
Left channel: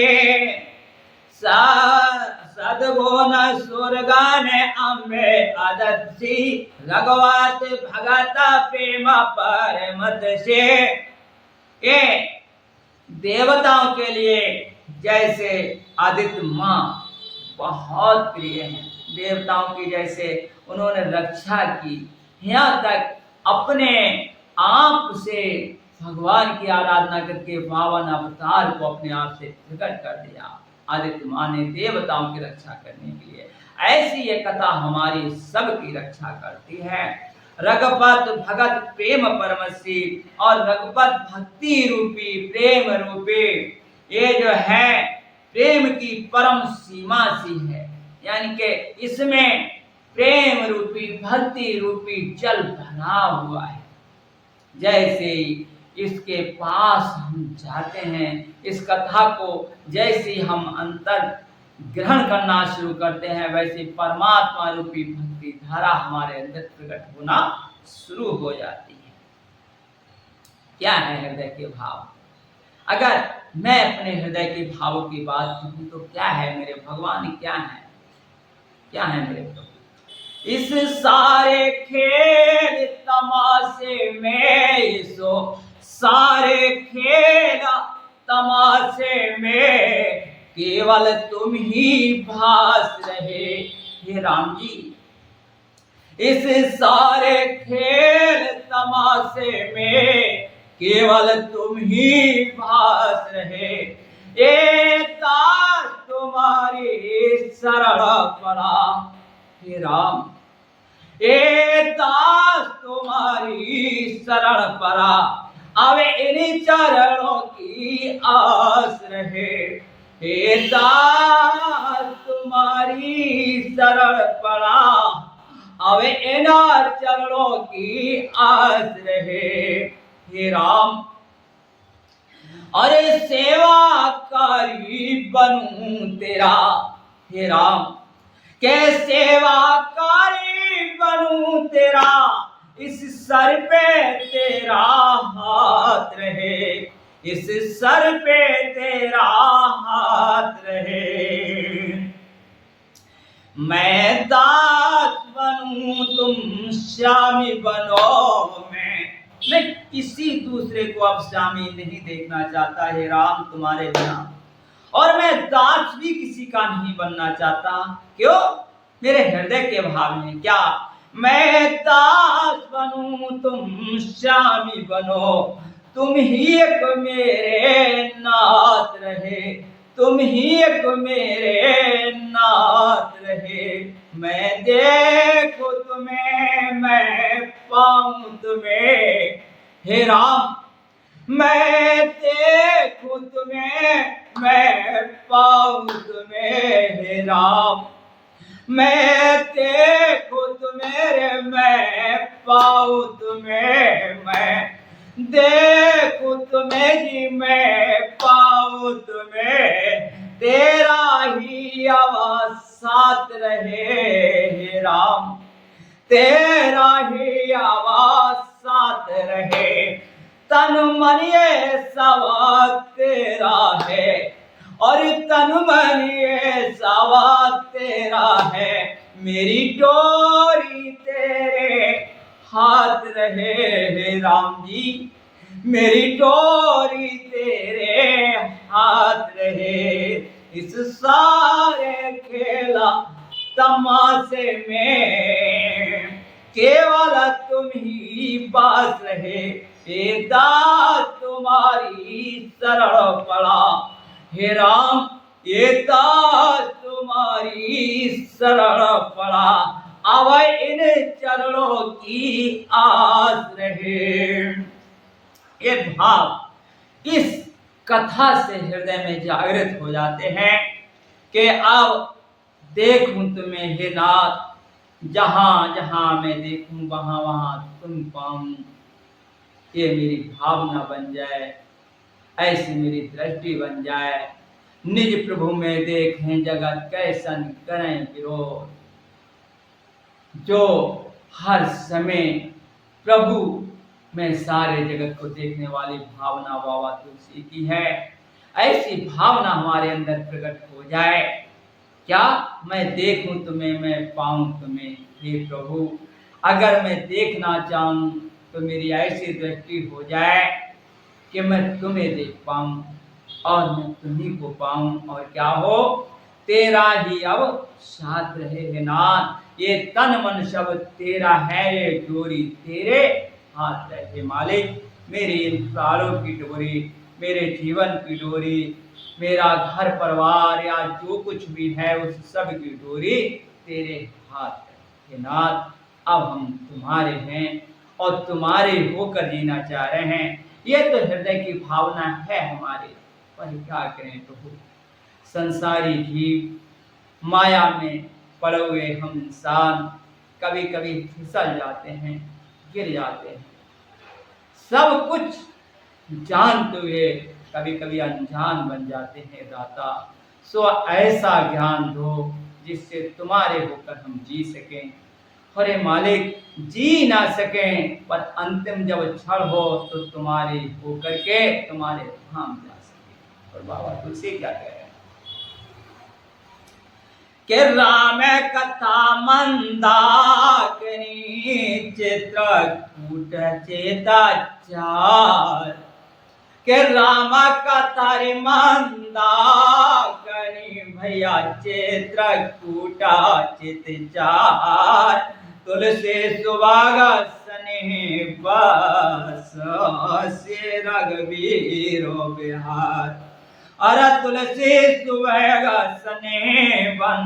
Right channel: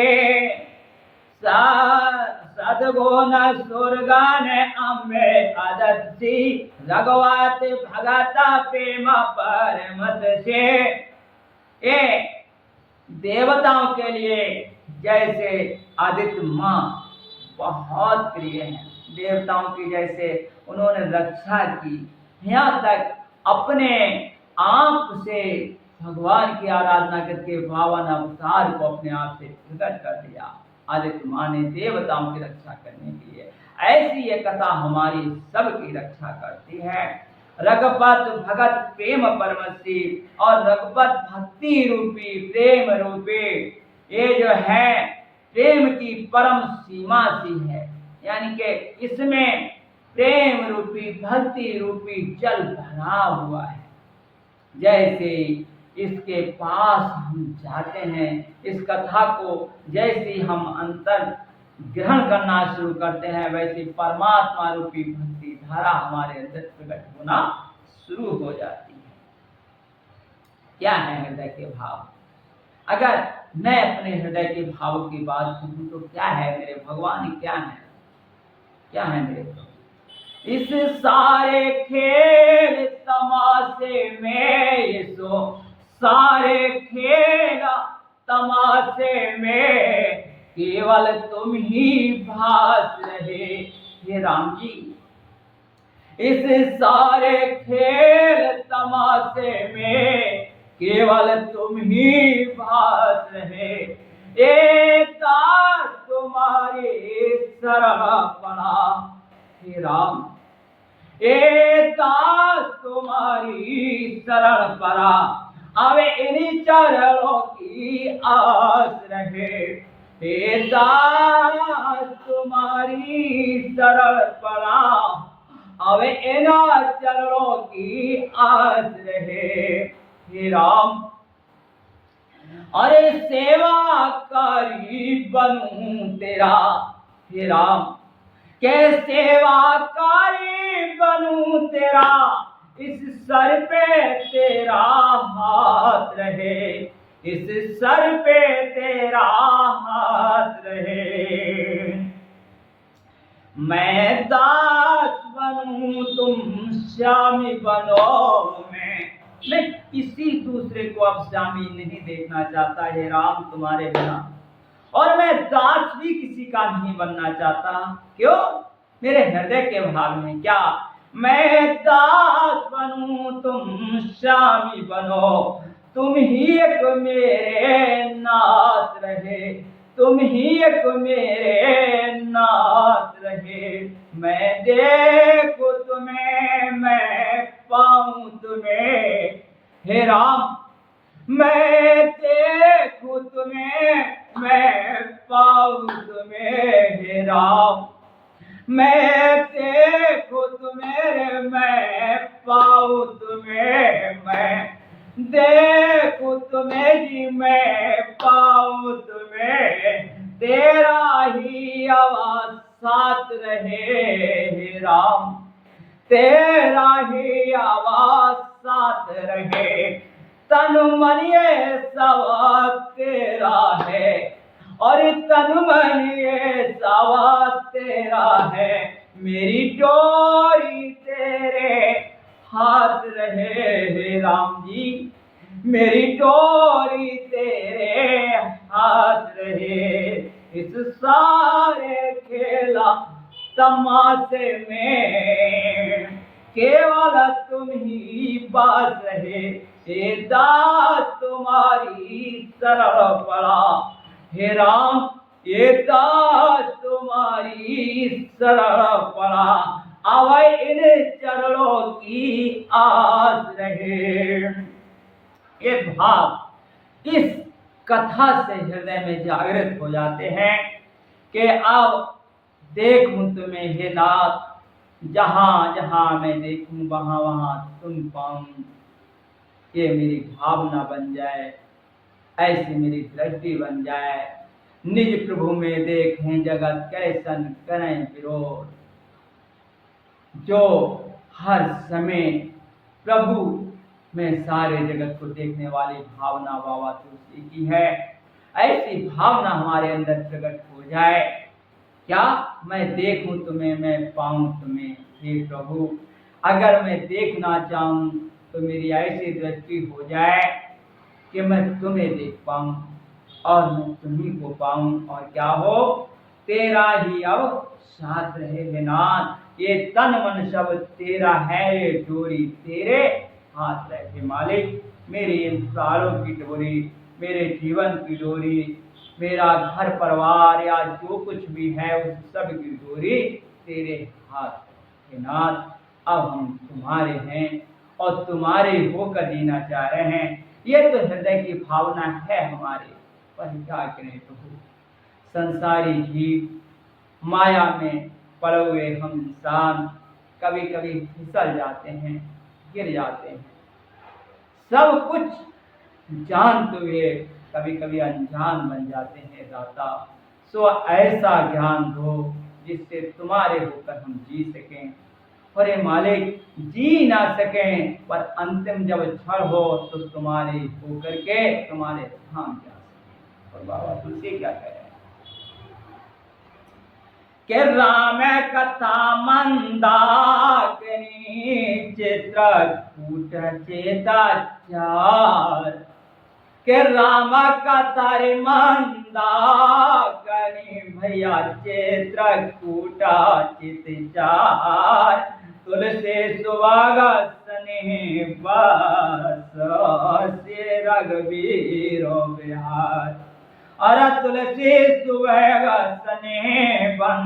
सदगुण सुरगान अम्बे आदत्सी, रघुवत भगत प्रेम परमत से। ये देवताओं के लिए जैसे आदित्य माँ बहुत प्रिय हैं, देवताओं की जैसे उन्होंने रक्षा की, यहाँ तक अपने आप से भगवान की आराधना करके पावन अवतार को अपने आप से प्रकट कर दिया आदित्य माँ ने देवताओं की रक्षा करने के लिए। ऐसी ये कथा हमारी सबकी रक्षा करती है। रघुपत भगत प्रेम परमसी, और रघुपत भक्ति रूपी प्रेम रूपी ये जो है प्रेम की परम सीमा सी है, यानी कि इसमें प्रेम रूपी भक्ति रूपी जल भरा हुआ है। जैसे इसके पास हम जाते हैं, इस कथा को जैसे हम अंतर ग्रहण करना शुरू करते हैं, वैसे परमात्मा रूपी भक्ति धारा हमारे अंदर प्रकट होना शुरू हो जाती है। क्या है हृदय के भाव? अगर मैं अपने हृदय के भावों की बात कहूँ तो क्या है मेरे भगवान, क्या है, क्या है मेरे प्रभु? इस सारे खेल तमाशे में, सो सारे खेल तमाशे में केवल तुम ही भास रहे हे राम जी। इस सारे खेल तमाशे में केवल तुम ही भास रहे, एक दास तुम्हारी शरण पड़ा हे राम, एक दास तुम्हारी शरण पड़ा, अब इन्हीं चरणों की आस रहे, हे दास तुम्हारी शरण पड़ा, अब इन चरणों की आस रहे हे राम। अरे सेवाकारी बनूं तेरा हे राम, के सेवाकारी बनूं तेरा, इस सर पे तेरा हाथ रहे, इस सर पे तेरा हाथ रहे। मैं दास बनूं तुम स्वामी बनो, मैं किसी दूसरे को अब स्वामी नहीं देखना चाहता हे राम तुम्हारे बिना, और मैं दास भी किसी का नहीं बनना चाहता। क्यों? मेरे हृदय के भाव में क्या? मैं दास बनूं तुम स्वामी बनो, तुम ही एक मेरे नाथ रहे, तुम ही एक मेरे नाथ रहे। मैं देखूं तुम्हें, मैं पाऊं तुम्हें हे राम, मैं देखूं तुम्हें, मैं पाऊं तुम्हें हे राम। मैं देखूं तुम्हें रे, मैं पाऊं तुम्हें, मैं देखूं तुम्हें जी, मैं पाऊं तुम्हें, तेरा ही आवाज साथ रहे हे राम, तेरा ही आवाज साथ रहे, तन मन ये सवाल तेरा है, और तन मन ये सवाल तेरा है, मेरी डोरी तेरे हाथ रहे हे राम जी, मेरी डोरी तेरे हाथ रहे, इस सारे खेला तमाशे में केवल तुम ही बास रहे, हे दास तुम्हारी शरण पड़ा हे राम, ये दास तुम्हारी शरण पड़ा, अब इन चरणों की आस रहे। ये भाव इस कथा से हृदय में जागृत हो जाते हैं कि अब देखूं तुम्हें हे नाथ, जहां जहां मैं देखूं वहां वहां तुम पाऊं, ये मेरी भावना बन जाए, ऐसी मेरी दृष्टि बन जाए, निज प्रभु में देखें जगत कैसन करें विरोध, जो हर समय प्रभु में सारे जगत को देखने वाली भावना बाबा तुलसी की है, ऐसी भावना हमारे अंदर प्रकट हो जाए। क्या मैं देखूं तुम्हें, मैं पाऊं तुम्हें हे प्रभु, अगर मैं देखना चाहूं तो मेरी ऐसी दृष्टि हो जाए कि मैं तुम्हें देख पाऊं और मैं तुम्ही को पाऊं, और क्या हो, तेरा ही अब साथ रहे हे नाथ, ये तन मन सब तेरा है, ये डोरी तेरे हाथ रहे मालिक, मेरी इन प्राणों की डोरी, मेरे जीवन की डोरी, मेरा घर परिवार या जो कुछ भी है उस सब की डोरी तेरे हाथ है नाथ, अब हम तुम्हारे हैं और तुम्हारे होकर जीना चाह रहे हैं, ये तो हृदय की भावना है हमारी, पर क्या करें प्रभु, संसारी जीव माया में पड़े हुए हम इंसान कभी कभी फिसल जाते हैं, गिर जाते हैं, सब कुछ जानते हुए कभी कभी अनजान बन जाते हैं दाता, सो ऐसा ज्ञान दो जिससे तुम्हारे होकर हम जी सकें, अरे मालिक जी ना सकें पर अंतिम जब क्षण हो तो तुम्हारे होकर के तुम्हारे धाम जा सके। और बाबा तुलसी क्या कह रहे हैं कि राम कथा मंदाकिनी चित्रकूट चेताचार, के राम कथा रे मंदाकिनी भैया चित्रकूटा चितचार, तुलसी सुभागा स्नेह बस से रघुवीर बिहार, अरे तुलसी सुभागा स्नेह बन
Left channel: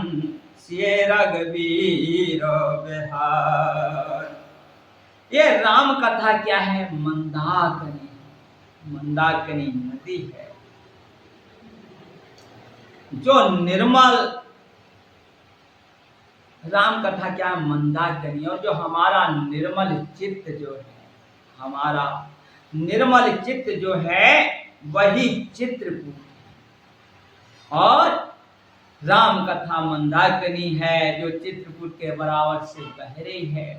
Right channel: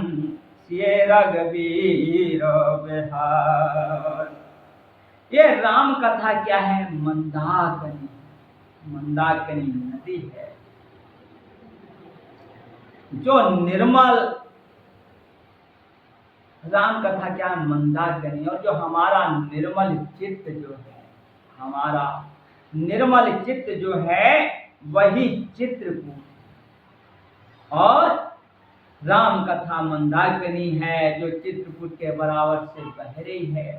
से रघुवीर बिहार। ये राम कथा क्या है, मंदाकिनी, मंदाकिनी नदी है जो निर्मल, राम कथा क्या है, मंदाकिनी, और जो हमारा निर्मल चित्त जो है, हमारा निर्मल चित्त जो है वही चित्रकूट, और राम कथा मंदाकिनी है जो चित्रकूट के बराबर से बह रही है,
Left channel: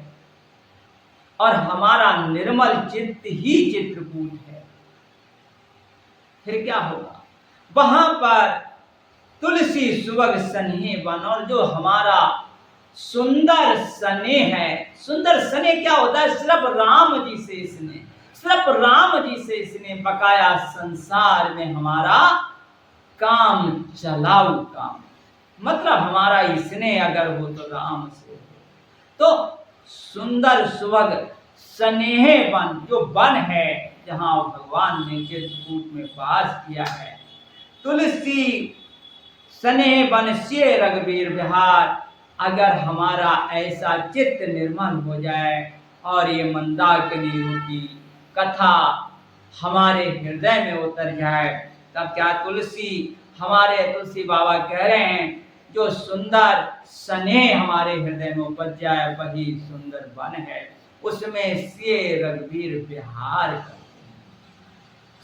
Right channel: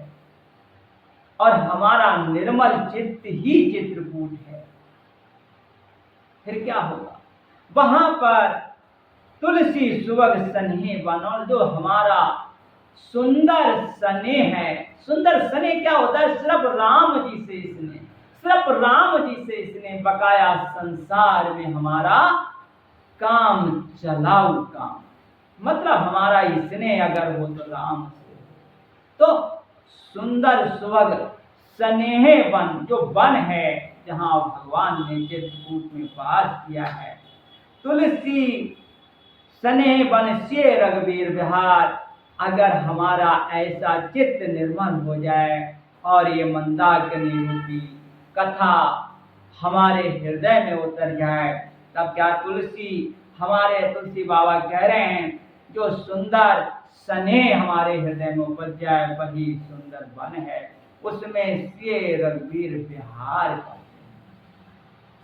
और हमारा निर्मल चित्त ही चित्रकूट है, फिर क्या होगा, वहां पर तुलसी सुबह स्नेह बन, और जो हमारा सुंदर स्नेह है, सुंदर स्नेह क्या होता है, सिर्फ राम जी से इसने, सिर्फ राम जी से इसने बकाया संसार में हमारा काम चलाऊ काम, मतलब हमारा स्नेह अगर हो तो राम से हो, तो सुंदर सुबह स्नेह वन, जो वन है जहाँ भगवान ने चित्रकूट में वास किया है, तुलसी स्नेह वन से रघुवीर बिहार, अगर हमारा ऐसा चित्त निर्मल हो जाए और ये मंदाकिनी रूपी कथा हमारे हृदय में उतर जाए, तब क्या तुलसी, हमारे तुलसी बाबा कह रहे हैं जो सुंदर स्नेह हमारे हृदय में उपज जाए वही सुंदर वन है, उसमें सिए रघुवीर विहार करते हैं,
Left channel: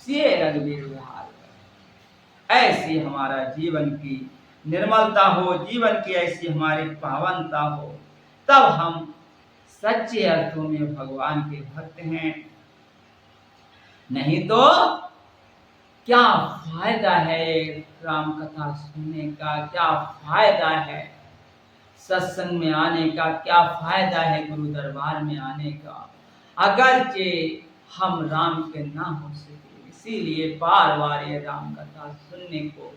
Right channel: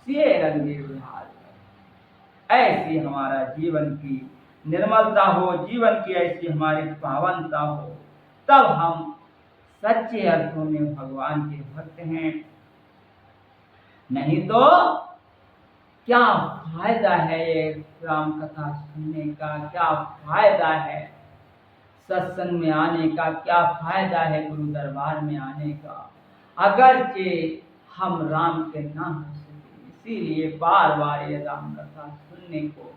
सिए रघुवीर विहार करते। ऐसी हमारा जीवन की निर्मलता हो, जीवन की ऐसी हमारी पावनता हो, तब हम सच्चे अर्थों में भगवान के भक्त हैं। नहीं तो क्या फायदा है राम कथा सुनने का, क्या फायदा है सत्संग में आने का, क्या फायदा है गुरु दरबार में आने का, अगरचे हम राम के ना हो सके। इसीलिए बार बार ये राम कथा सुनने को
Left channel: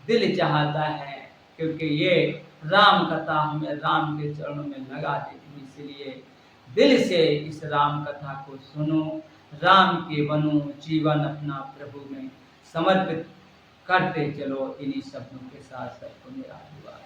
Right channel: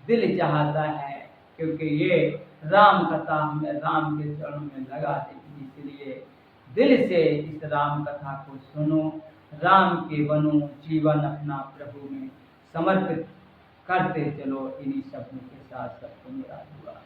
दिल चाहता है, क्योंकि ये राम कथा हमें राम के चरणों में लगा देती। इसलिए दिल से इस राम कथा को सुनो, राम के बनो, जीवन अपना प्रभु में समर्पित करते चलो। इन्हीं शब्दों के साथ सबको मेरा आशीर्वाद।